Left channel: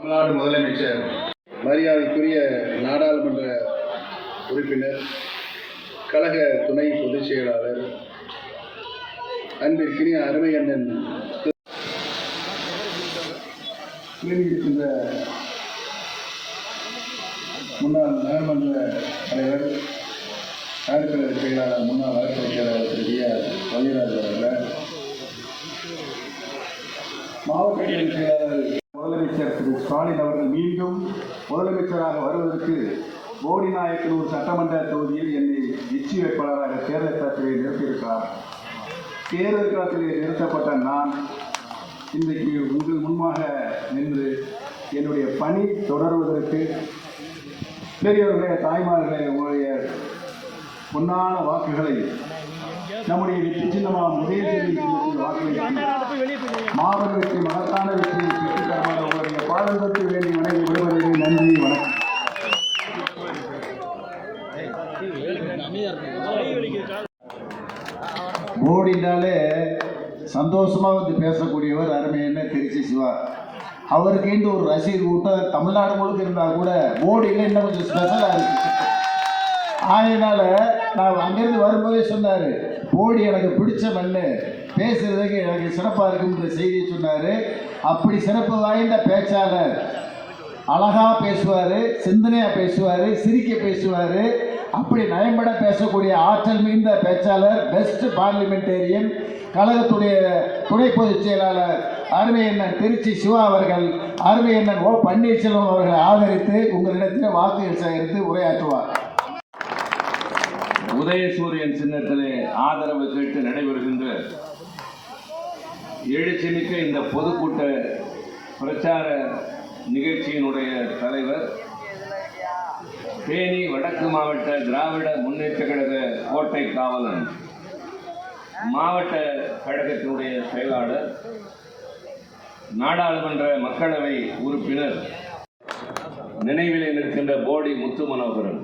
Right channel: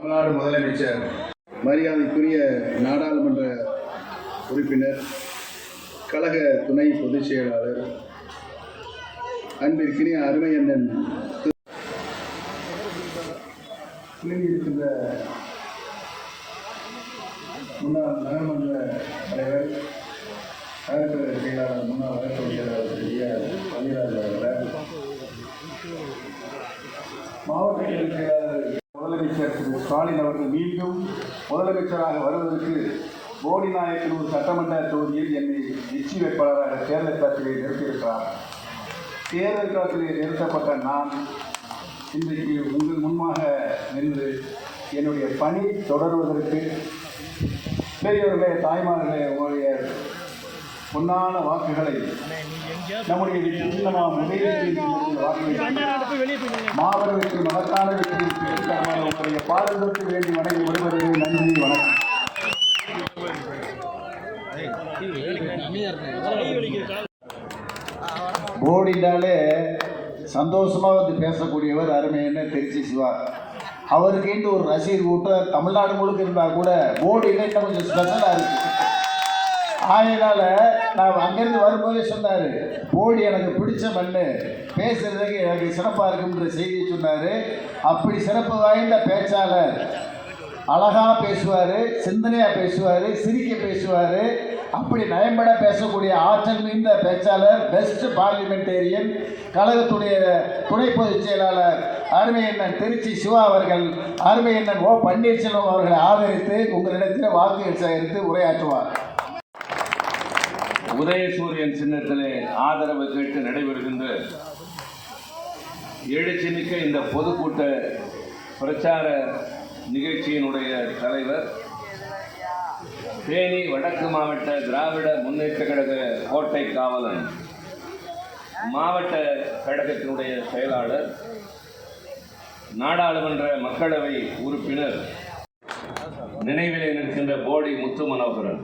தமிழ்நாடு முதலமைச்சர், மரியாதைக்குரிய நாடாளுமன்ற உறுப்பினர், கழக துணை பொதுச் செயலாளர், அன்பிற்கினிய அருமை அண்ணன் இருக்கின்ற முன்னாள் நகர்மன்ற தலைவர், நகர்ப்புற செயலாளர், முன்னாள் நகர்ப்புற செயலாளர் வள்ளிராஜ் அவர்கள், மாவட்ட செயலாளர் முதலமைச்சர் திரு ஸ்டாலின் அவர்கள் மீண்டும் முதலமைச்சராக வருவதற்கு போடிநாயக்கனூர் சட்டமன்ற தொகுதியில் என்னை வெற்றி வேட்பாளராக தேர்தல் களத்திலே நிறுத்தியிருக்கிறார். தேர்தல் களத்திலே நிறுத்தப்பட்ட நான் இன்றைக்கு உங்கள் முன்பாக நின்று என்னுடைய பணி தொடர்வதற்கு பெரியவர்களே, தாய்மார்களே, உங்களுடைய பொன்னான வாக்குகளை நம்முடைய சின்னமாக மாபெரும் மகத்தான வெற்றியை பெற்றுள்ள பாரதத்தை வேண்டி நடைபெறும் விடுவதை நன்றி, வணக்கம். போடினாலே சந்தோஷமா வந்து பேசக்கூடியவர் அருமையான திருச்சி சிவா. அவருக்கு இன்று ஒரு ரசிகர் கூட்டம் தமிழ்நாடு முழுக்க இருந்தால் கூட போடியில் இன்னும் கொஞ்சம் ஸ்பெஷலாக இருக்கு. அதனால நான் அங்கிருந்து வரும்போதே சொன்னார், போடி எனக்கு பிடிச்ச மண்ணு, பேசுறதுக்கு எனக்கு சிறப்பாக இருக்குன்ற செய்தியை சொன்னார். அப்படி சிறப்பு வாய்ந்த பேச்சாளர், அழகாக பேசுவார், சிந்தனையாக பேசுவார், சிரிக்க பேசுவார். அப்படி நயம்பட பேசக்கூடிய ஆற்றல் மிகுந்த பேச்சாளர், பெஸ்ட் பார்லிமெண்டேரியன், கழகத்துடைய துணை பொதுச் செயலாளர் அருமை அண்ணன் திருச்சி சிவா அவர்கள், அருமை அண்ணன் ஓ பன்னீர்செல்வம் அவர்களை ஆதரித்து உங்களிடத்தில் வாக்குகள் சேகரித்து உரையாற்றுவார். உதயசூரியன் சின்னத்திலே ஆதரவு கேட்டு நடைபெறுகின்ற எழுச்சிமிக்க இந்த பொதுக்கூட்ட பிரச்சார நிகழ்ச்சியினுடைய தலைவர், தேனி வடக்கு மாவட்ட திராவிட முன்னேற்ற கழக கோட்டை காவலன், மாவட்ட கழகத்தினுடைய செயலாளர், நாடாளுமன்ற மக்களவை உறுப்பினர், நினைவிலே நிற்கின்ற போடி முத்து மனோகரன்,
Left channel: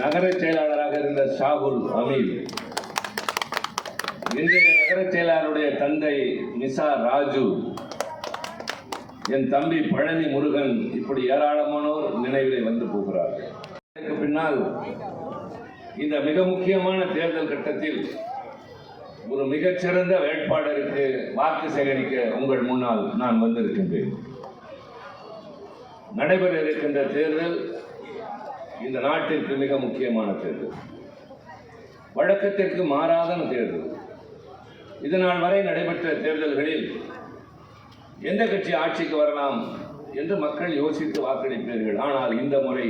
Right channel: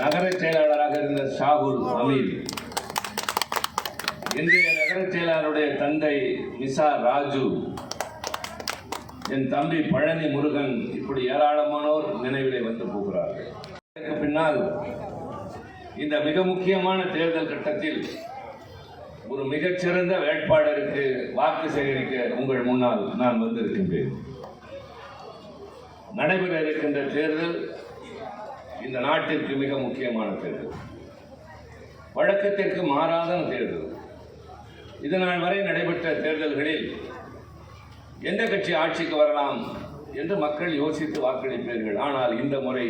நகர செயலாளராக இருந்த ஷாகுல் அமீர், இன்றைய நகர செயலாளருடைய தந்தை நிசா ராஜு, என் தம்பி பழனி முருகன், இப்படி ஏராளமானோர் நினைவிலே வந்து போகிறார்கள். இதற்கு பின்னால் இந்த மிக முக்கியமான தேர்தல் கட்டத்தில் ஒரு மிகச்சிறந்த வேட்பாளருக்கு வாக்கு சேகரிக்க உங்கள் முன்னால் நான் வந்திருக்கின்றேன். நடைபெற இருக்கின்ற தேர்தல் இந்த நாட்டிற்கு மிக முக்கியமான தேர்தல், வழக்கத்திற்கு மாறாத தேர்தல். இதனால் வரை நடைபெற்ற தேர்தல்களில் எந்த கட்சி ஆட்சிக்கு வரலாம் என்று மக்கள் யோசித்து வாக்களிப்பீர்கள். ஆனால் இந்த முறை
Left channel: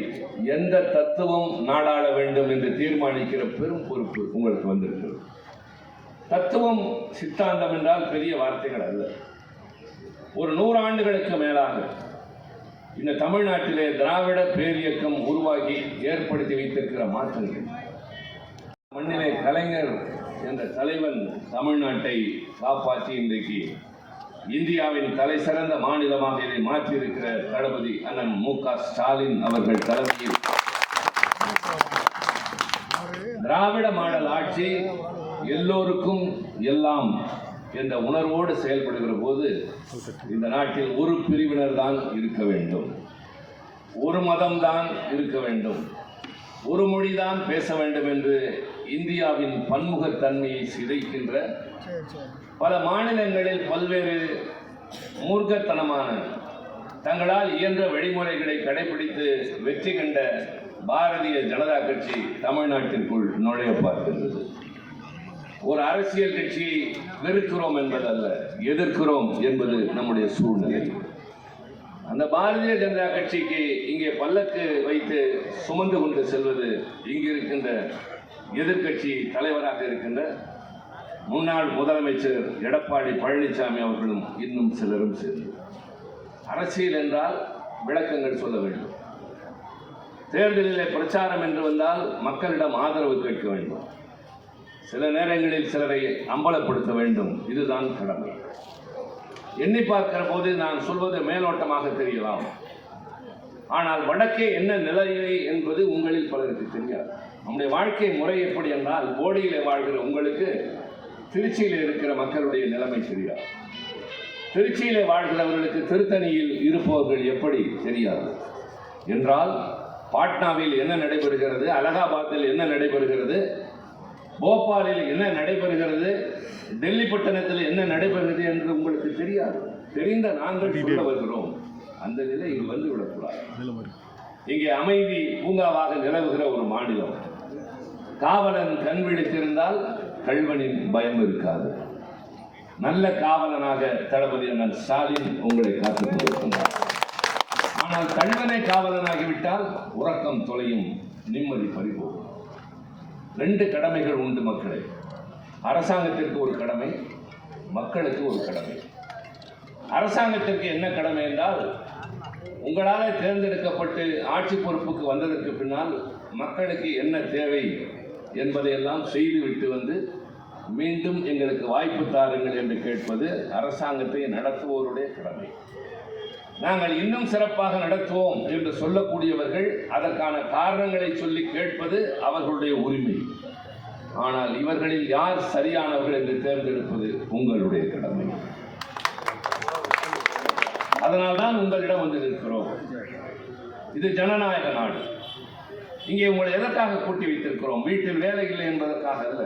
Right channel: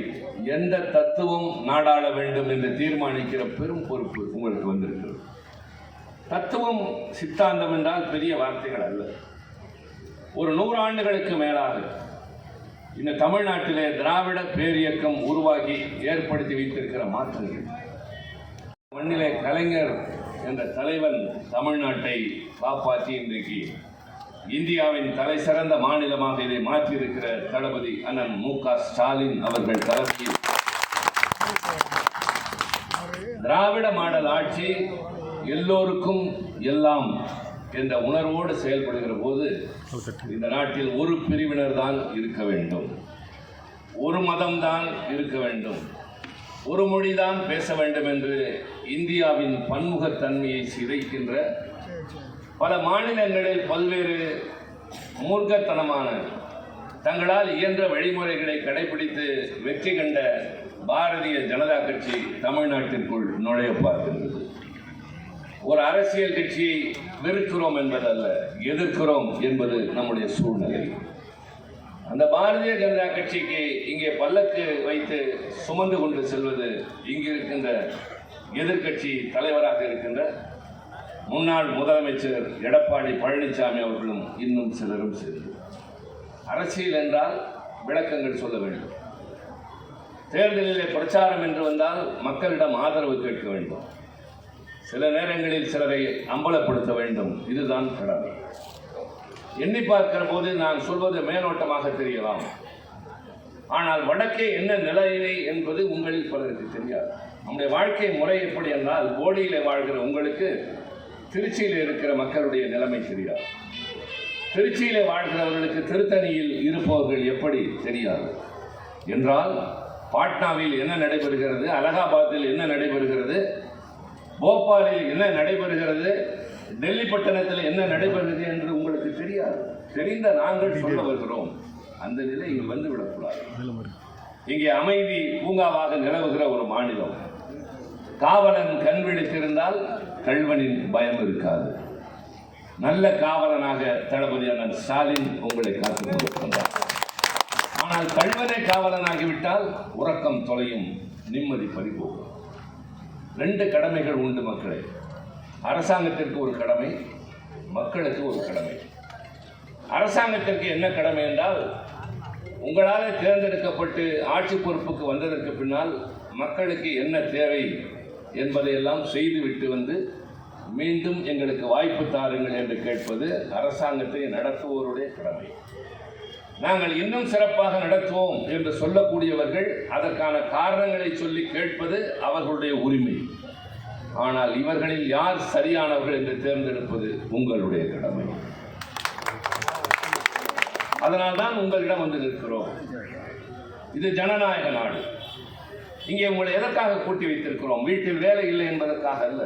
எந்த தத்துவம் நாடாள வேண்டும் என்று தீர்மானிக்கிற பெரும் பொறுப்பு உங்களுக்கு வந்திருக்கிறது. தத்துவம், சித்தாந்தம் என்றால் பெரிய வார்த்தைகள் அல்ல. ஒரு 100 ஆண்டுகளுக்கு மேலாக இந்த தமிழ்நாட்டிலே திராவிட பேரியக்கம் உருவாகி ஏற்படுத்தி வைத்திருக்கிற மாற்றங்கள், மண்ணிலே கலைஞர் என்ற தலைவன் தமிழ்நாட்டை காப்பாற்றி இன்றைக்கு இந்தியாவின் தலை சிறந்த மாநிலமாக இதை மாற்றியிருக்கிற தளபதி அண்ணன் மு.க. ஸ்டாலின் அவர்கள் தலைமையில் திராவிட மாடல் ஆட்சி எல்லோருக்கும் எல்லாம் என்ற உணர்வோடு செயல்படுகிற போது இந்த நாட்டில் ஒரு பிரிவினர் தான் இருக்க வேண்டும், ஒரு மதம் தான் இருக்க வேண்டும், ஒரு மொழிதான் பேச வேண்டும் என்று இந்தியாவின் பன்முகத்தன்மையை சிதைக்கின்ற பல மாநிலங்களில் பல்வேறு மூர்க்கத்தனமான தங்களால் இயன்ற வழிமுறைகளை கடைபிடித்து வெற்றி கண்ட பாரதிய ஜனதா கட்சி தமிழ்நாட்டிற்குள் நுழைய பார்க்கின்றது. ஒரு அரசியல் கட்சியை வெறுக்கிறோம் என்பதல்ல, எதிர்க்கிறோம் என்பது நம்முடைய சூழ்நிலை. அந்த பாரதிய ஜனதா கட்சிக்கு இங்கே பல்லக்கு வைத்து சுமந்து கொண்டு செல்வது இங்கு இருக்கின்ற எதிர்கட்சி தலைவராக இருக்கின்ற முன்னாள் முதலமைச்சர் எடப்பாடி பழனிசாமி அவர்களும் இன்னும் சிலரும் சேர்ந்து. அரசியல் என்றால் விளக்கங்கள் சொல்ல வேண்டும். தேர்தலிலே பிரச்சாரம் என்று வந்தால் மக்களிடம் ஆதரவு கேட்க வேண்டும். சில நேரங்களில் சிலரை அம்பலப்படுத்த வேண்டும். இதுதான் கடமை. எண்ணி பார்க்கிற போது நான் சொல்வது மேலோட்டமாக தெரியலாம். ஆனால் வடக்கே என்ன நிலையிலே என்பது உங்களில் பலருக்கு தெரியாது. நம்முடைய வாழ்க்கை முறை எப்படி என்றால், போடியிலே வாழ்கிற உங்களுக்கு திருச்சியில் இருக்கிற மக்களுடைய நிலைமை தெரியாது. திருச்சியிலே வாழ்கிறவர்களுக்கு திருத்தணியில் இருப்பவர்கள் எப்படி தெரியாது என்றால், பாட்னாவில் என்ன நடைபெறுகிறது, அலகாபாத்தில் என்ன நடைபெறுகிறது, போபாலில் என்ன நடைபெறுகிறது, டெல்லி பட்டணத்தில் என்ன நடைபெறுகிறது என்று உங்களுக்கு தெரியாது. தெரிந்த நாங்கள் சொல்ல வருகிறோம். அந்த நிலை இங்கு வந்துவிடக்கூடாது. இங்கே அமைதி பூங்காவாக நிலவுகிற ஒரு மாநிலம். காவலன் கண் விழித்திருந்தால் கள்வனின் பயம் இருக்காது. நல்ல காவலனாக தளபதி அண்ணன் ஸ்டாலின் உங்களை காத்துக் கொண்டிருக்கின்றார். ஆனால் கள்வனை காவலனாகிவிட்டால் உறக்கம் தொலையும், நிம்மதி பறிபோகும். 2 கடமைகள் உண்டு மக்களே. அரசாங்கத்திற்கு ஒரு கடமை, மக்களுக்கு ஒரு கடமை. அரசாங்கத்திற்கு என்ன கடமை என்றால், உங்களால் தேர்ந்தெடுக்கப்பட்டு ஆட்சி பொறுப்புக்கு வந்ததற்கு பின்னால் மக்களுக்கு என்ன தேவை என்பதையெல்லாம் செய்துவிட்டு வந்து மீண்டும் எங்களுக்கு வாய்ப்பு தாருங்கள் என்று கேட்பது அரசாங்கத்தை நடத்துவோருடைய கடமை. நாங்கள் இன்னும் சிறப்பாக நடத்துவோம் என்று சொல்லக்கூடியவர்கள் அதற்கான காரணங்களை சொல்லி கேட்பது அவர்களுடைய உரிமை. ஆனால் இவர்களில் யார் சரியானவர்கள் என்று தேர்ந்தெடுப்பது உங்களுடைய கடமை. அதனால்தான் உங்களிடம் வந்து நிற்கிறோம். இது ஜனநாயக நாடு. இங்கே உங்களை எதற்காக கூட்டி வைத்திருக்கிறோம்? வீட்டில் வேலை இல்லை என்பதற்காக அல்ல.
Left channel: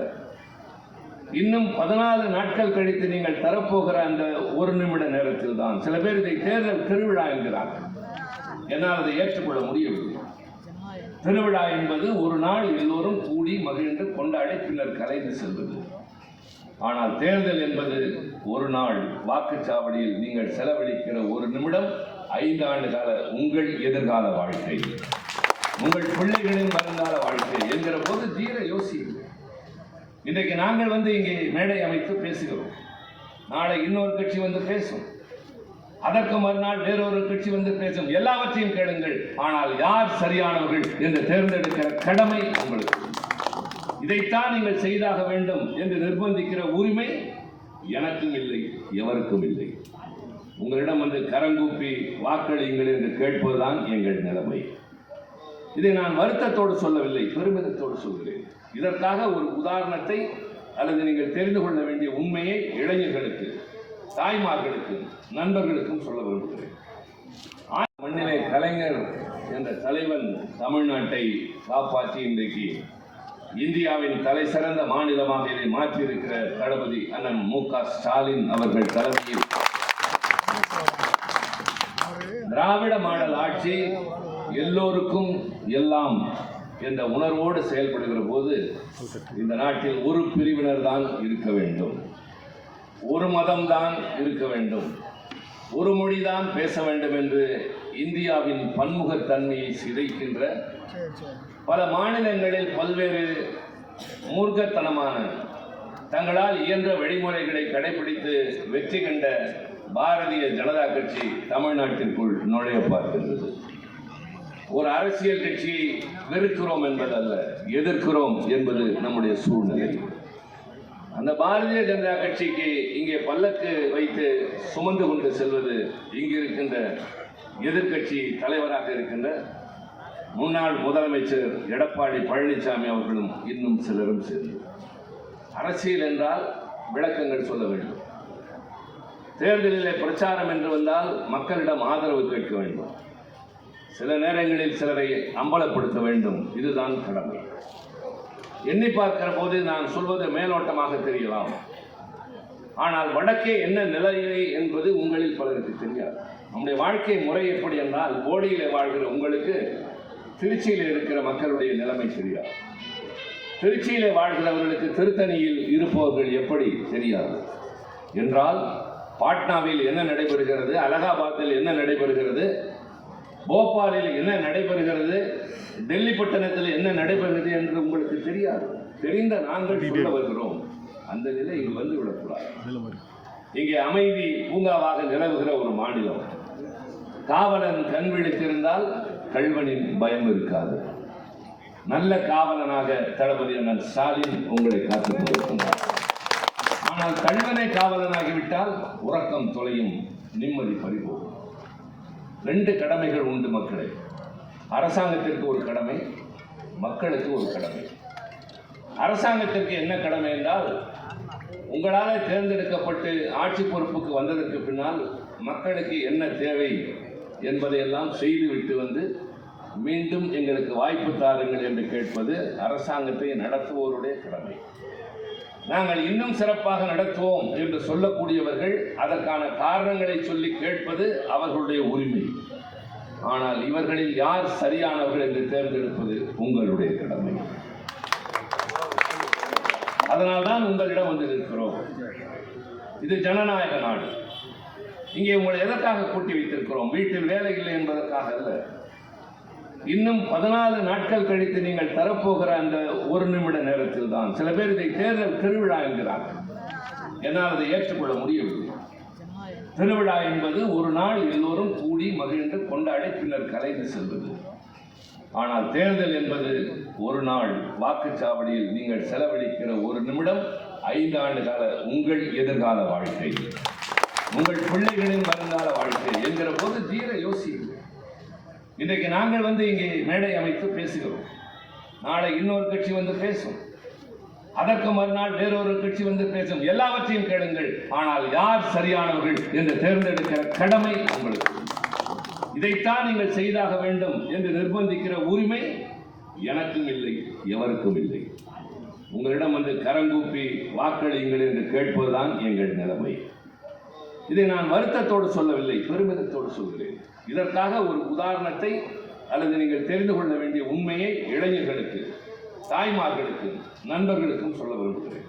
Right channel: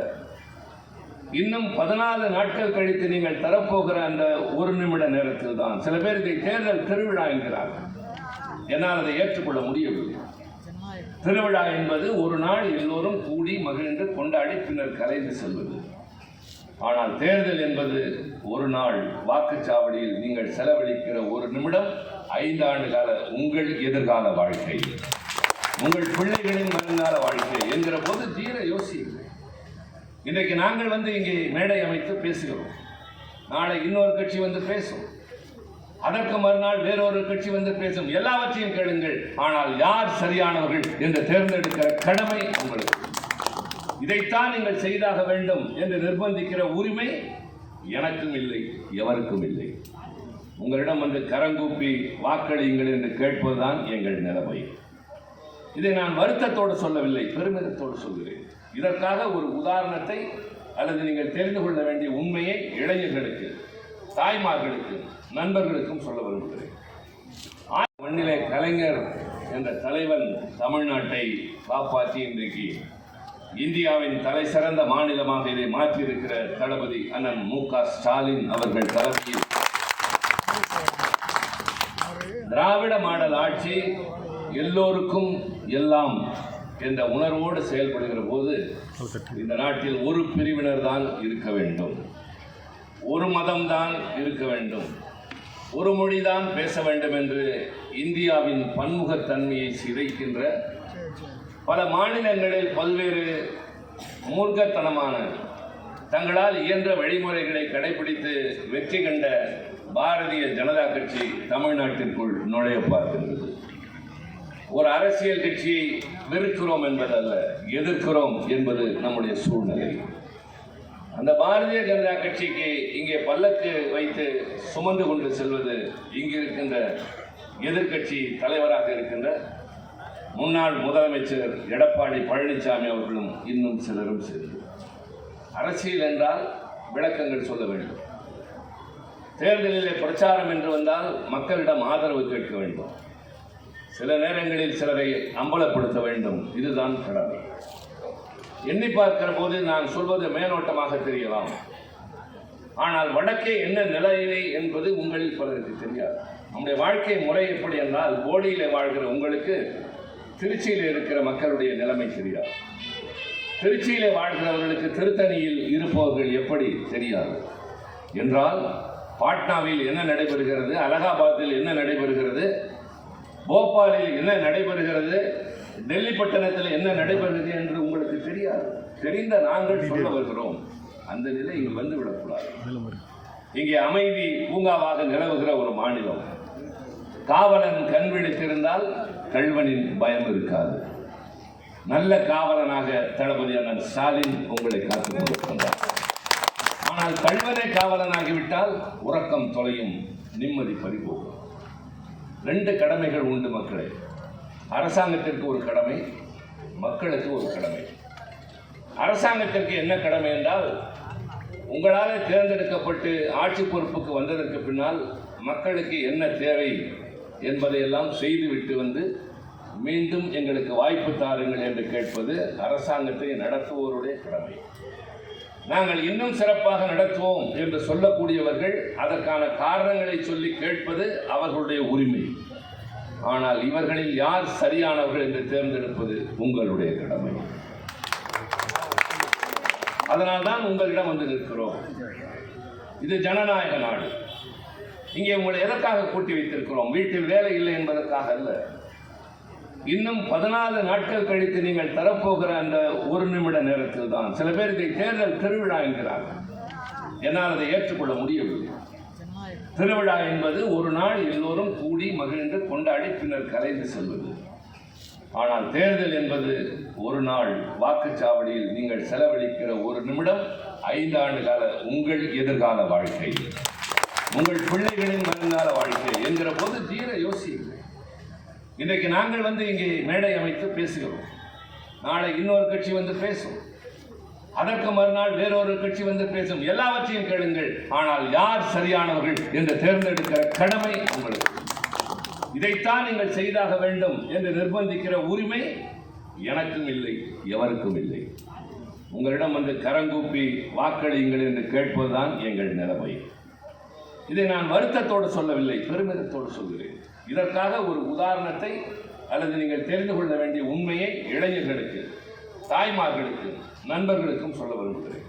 இன்னும் 14 நாட்கள் கழித்து நீங்கள் தரப்போகிற அந்த 1 நிமிட நேரத்தில் தான் சில பேர் இதை தேர்தல் திருவிழா என்கிறார்கள். என்னால் அதை ஏற்றுக்கொள்ள முடியவில்லை. திருவிழா என்பது ஒரு நாள் எல்லோரும் கூடி மகிழ்ந்து கொண்டாடி பின்னர் கலைந்து செல்வது. ஆனால் தேர்தல் என்பது ஒரு நாள் வாக்குச்சாவடியில் நீங்கள் செலவழிக்கிற 1 நிமிடம் 5 ஆண்டு கால உங்கள் எதிர்கால வாழ்க்கை, உங்கள் பிள்ளைகளின் வருங்கால வாழ்க்கை என்கிற போது தீர யோசியுங்கள். இன்றைக்கு நாங்கள் வந்து இங்கே மேடை அமைத்து பேசுகிறோம். நாளை இன்னொரு கட்சி வந்து பேசும், அதற்கு மறுநாள் வேறொரு கட்சி வந்து பேசும். எல்லாவற்றையும் கேளுங்கள். ஆனால் யார் சரியானவர்கள் என்று தேர்ந்தெடுக்கிற கடமை உங்களுக்கு. இதைத்தான் நீங்கள் செய்தாக வேண்டும் என்று நிர்பந்திக்கிற உரிமை எனக்கும் இல்லை, எவருக்கும் இல்லை. உங்களிடம் வந்து கரங்கூப்பி வாக்களியுங்கள் என்று கேட்பதுதான் எங்கள் நிலைமை. இதை நான் வருத்தத்தோடு சொல்லவில்லை, பெருமிதத்தோடு சொல்கிறேன். இதற்காக ஒரு உதாரணத்தை அல்லது நீங்கள் தெரிந்து கொள்ள வேண்டிய உண்மையை இளைஞர்களுக்கு, தாய்மார்களுக்கு, நண்பர்களுக்கும் சொல்ல விரும்புகிறேன். மண்ணிலே கலைஞர் என்ற தலைவன் தமிழ்நாட்டை காப்பாற்றி இன்றைக்கு இந்தியாவின் தலை சிறந்த மாநிலமாக இதை மாற்றியிருக்கிற தளபதி அண்ணன் மு.க. ஸ்டாலின் அவர்கள் தலைமையில் திராவிட மாடல் ஆட்சி எல்லோருக்கும் எல்லாம் என்ற உணர்வோடு செயல்படுகிற போது இந்த நாட்டில் ஒரு பிரிவினர் தான் இருக்க வேண்டும், ஒரு மதம் தான் இருக்க வேண்டும், ஒரு மொழி தான் பேச வேண்டும் என்று இந்தியாவின் பன்முகத்தன்மையை சிதைக்கின்ற பல மாநிலங்களில் பல்வேறு மூர்க்கத்தனமான தங்களால் இயன்ற வழிமுறைகளை கடைபிடித்து வெற்றி கண்ட பாரதிய ஜனதா கட்சி தமிழ்நாட்டிற்குள் நுழைய பார்க்கின்றது. ஒரு அரசியல் கட்சியை வெறுக்கிறோம் என்பதல்ல, எதிர்க்கிறோம் என்பது நம்முடைய சூழ்நிலை. அந்த பாரதிய ஜனதா கட்சிக்கு இங்கே பல்லக்கு வைத்து சுமந்து கொண்டு செல்வது இங்கு இருக்கின்ற எதிர்க்கட்சி தலைவராக இருக்கின்ற முன்னாள் முதலமைச்சர் எடப்பாடி பழனிசாமி அவர்களும் இன்னும் சிலரும் சேர்ந்து. அரசியல் என்றால் விளக்கங்கள் சொல்ல வேண்டும். தேர்தலிலே பிரச்சாரம் என்று வந்தால் மக்களிடம் ஆதரவு கேட்க வேண்டும். சில நேரங்களில் சிலரை அம்பலப்படுத்த வேண்டும். இதுதான் கடமை. எண்ணி பார்க்கிற போது நான் சொல்வது மேலோட்டமாக தெரியலாம். ஆனால் வடக்கே என்ன நிலையிலே என்பது உங்களில் பலருக்கு தெரியாது. நம்முடைய வாழ்க்கை முறை எப்படி என்றால், போடியிலே வாழ்கிற உங்களுக்கு திருச்சியில் இருக்கிற மக்களுடைய நிலைமை தெரியாது. திருச்சியிலே வாழ்கிறவர்களுக்கு திருத்தணியில் இருப்பவர்கள் எப்படி தெரியாது என்றால், பாட்னாவில் என்ன நடைபெறுகிறது, அலகாபாத்தில் என்ன நடைபெறுகிறது, போபாலில் என்ன நடைபெறுகிறது, டெல்லி பட்டணத்தில் என்ன நடைபெறுகிறது என்று உங்களுக்கு தெரியாது. தெரிந்த நாங்கள் சொல்ல வருகிறோம். அந்த நிலை இங்கு வந்துவிடக்கூடாது. இங்கே அமைதி பூங்காவாக நிலவுகிற ஒரு மாநிலம். காவலன் கண் விழித்திருந்தால் கள்வனின் பயம் இருக்காது. நல்ல காவலனாக தளபதி அண்ணன் ஸ்டாலின் உங்களை காத்துக் கொண்டிருக்கின்றார். ஆனால் கள்வனை காவலனாகிவிட்டால் உறக்கம் தொலையும், நிம்மதி பறிபோகும். 2 கடமைகள் உண்டு மக்களே. அரசாங்கத்திற்கு ஒரு கடமை, மக்களுக்கு ஒரு கடமை. அரசாங்கத்திற்கு என்ன கடமை என்றால், உங்களால் தேர்ந்தெடுக்கப்பட்டு ஆட்சி பொறுப்புக்கு வந்ததற்கு பின்னால் மக்களுக்கு என்ன தேவை என்பதையெல்லாம் செய்துவிட்டு வந்து மீண்டும் எங்களுக்கு வாய்ப்பு தாருங்கள் என்று கேட்பது அரசாங்கத்தை நடத்துவோருடைய கடமை. நாங்கள் இன்னும் சிறப்பாக நடத்துவோம் என்று சொல்லக்கூடியவர்கள் அதற்கான காரணங்களை சொல்லி கேட்பது அவர்களுடைய உரிமை. ஆனால் இவர்களில் யார் சரியானவர்கள் என்று தேர்ந்தெடுப்பது உங்களுடைய கடமை. அதனால்தான் உங்களிடம் வந்து நிற்கிறோம். இது ஜனநாயக நாடு. இங்கே உங்களை எதற்காக கூட்டி வைத்திருக்கிறோம்? வீட்டில் வேலை இல்லை என்பதற்காக அல்ல. இன்னும் 14 நாட்கள் கழித்து நீங்கள் தரப்போகிற அந்த 1 நிமிட நேரத்தில் தான் சில பேர் இதை தேர்தல் திருவிழா என்கிறார்கள். என்னால் அதை ஏற்றுக்கொள்ள முடியவில்லை. திருவிழா என்பது ஒரு நாள் எல்லோரும் கூடி மகிழ்ந்து கொண்டாடி பின்னர் கலைந்து செல்வது. ஆனால் தேர்தல் என்பது ஒரு நாள் வாக்குச்சாவடியில் நீங்கள் செலவழிக்கிற 1 நிமிடம் 5 ஆண்டு கால உங்கள் எதிர்கால வாழ்க்கை, உங்கள் பிள்ளைகளின் வருங்கால வாழ்க்கை என்கிற போது தீர யோசியுங்கள். இன்றைக்கு நாங்கள் வந்து இங்கே மேடை அமைத்து பேசுகிறோம். நாளை இன்னொரு கட்சி வந்து பேசும். அதற்கு மறுநாள் வேறொரு கட்சி வந்து பேசும். எல்லாவற்றையும் கேளுங்கள். ஆனால் யார் சரியானவர்கள் என்று தேர்ந்தெடுக்கிற கடமை உங்களுக்கு. இதைத்தான் நீங்கள் செய்தாக வேண்டும் என்று நிர்பந்திக்கிற உரிமை எனக்கும் இல்லை, எவருக்கும் இல்லை. உங்களிடம் வந்து கரங்கூப்பி வாக்களியுங்கள் என்று கேட்பதுதான் எங்கள் நிலைமை. இதை நான் வருத்தத்தோடு சொல்லவில்லை, பெருமிதத்தோடு சொல்கிறேன். இதற்காக ஒரு உதாரணத்தை அல்லது நீங்கள் தெரிந்து கொள்ள வேண்டிய உண்மையை இளைஞர்களுக்கு, தாய்மார்களுக்கு, நண்பர்களுக்கும் சொல்ல விரும்புகிறேன்.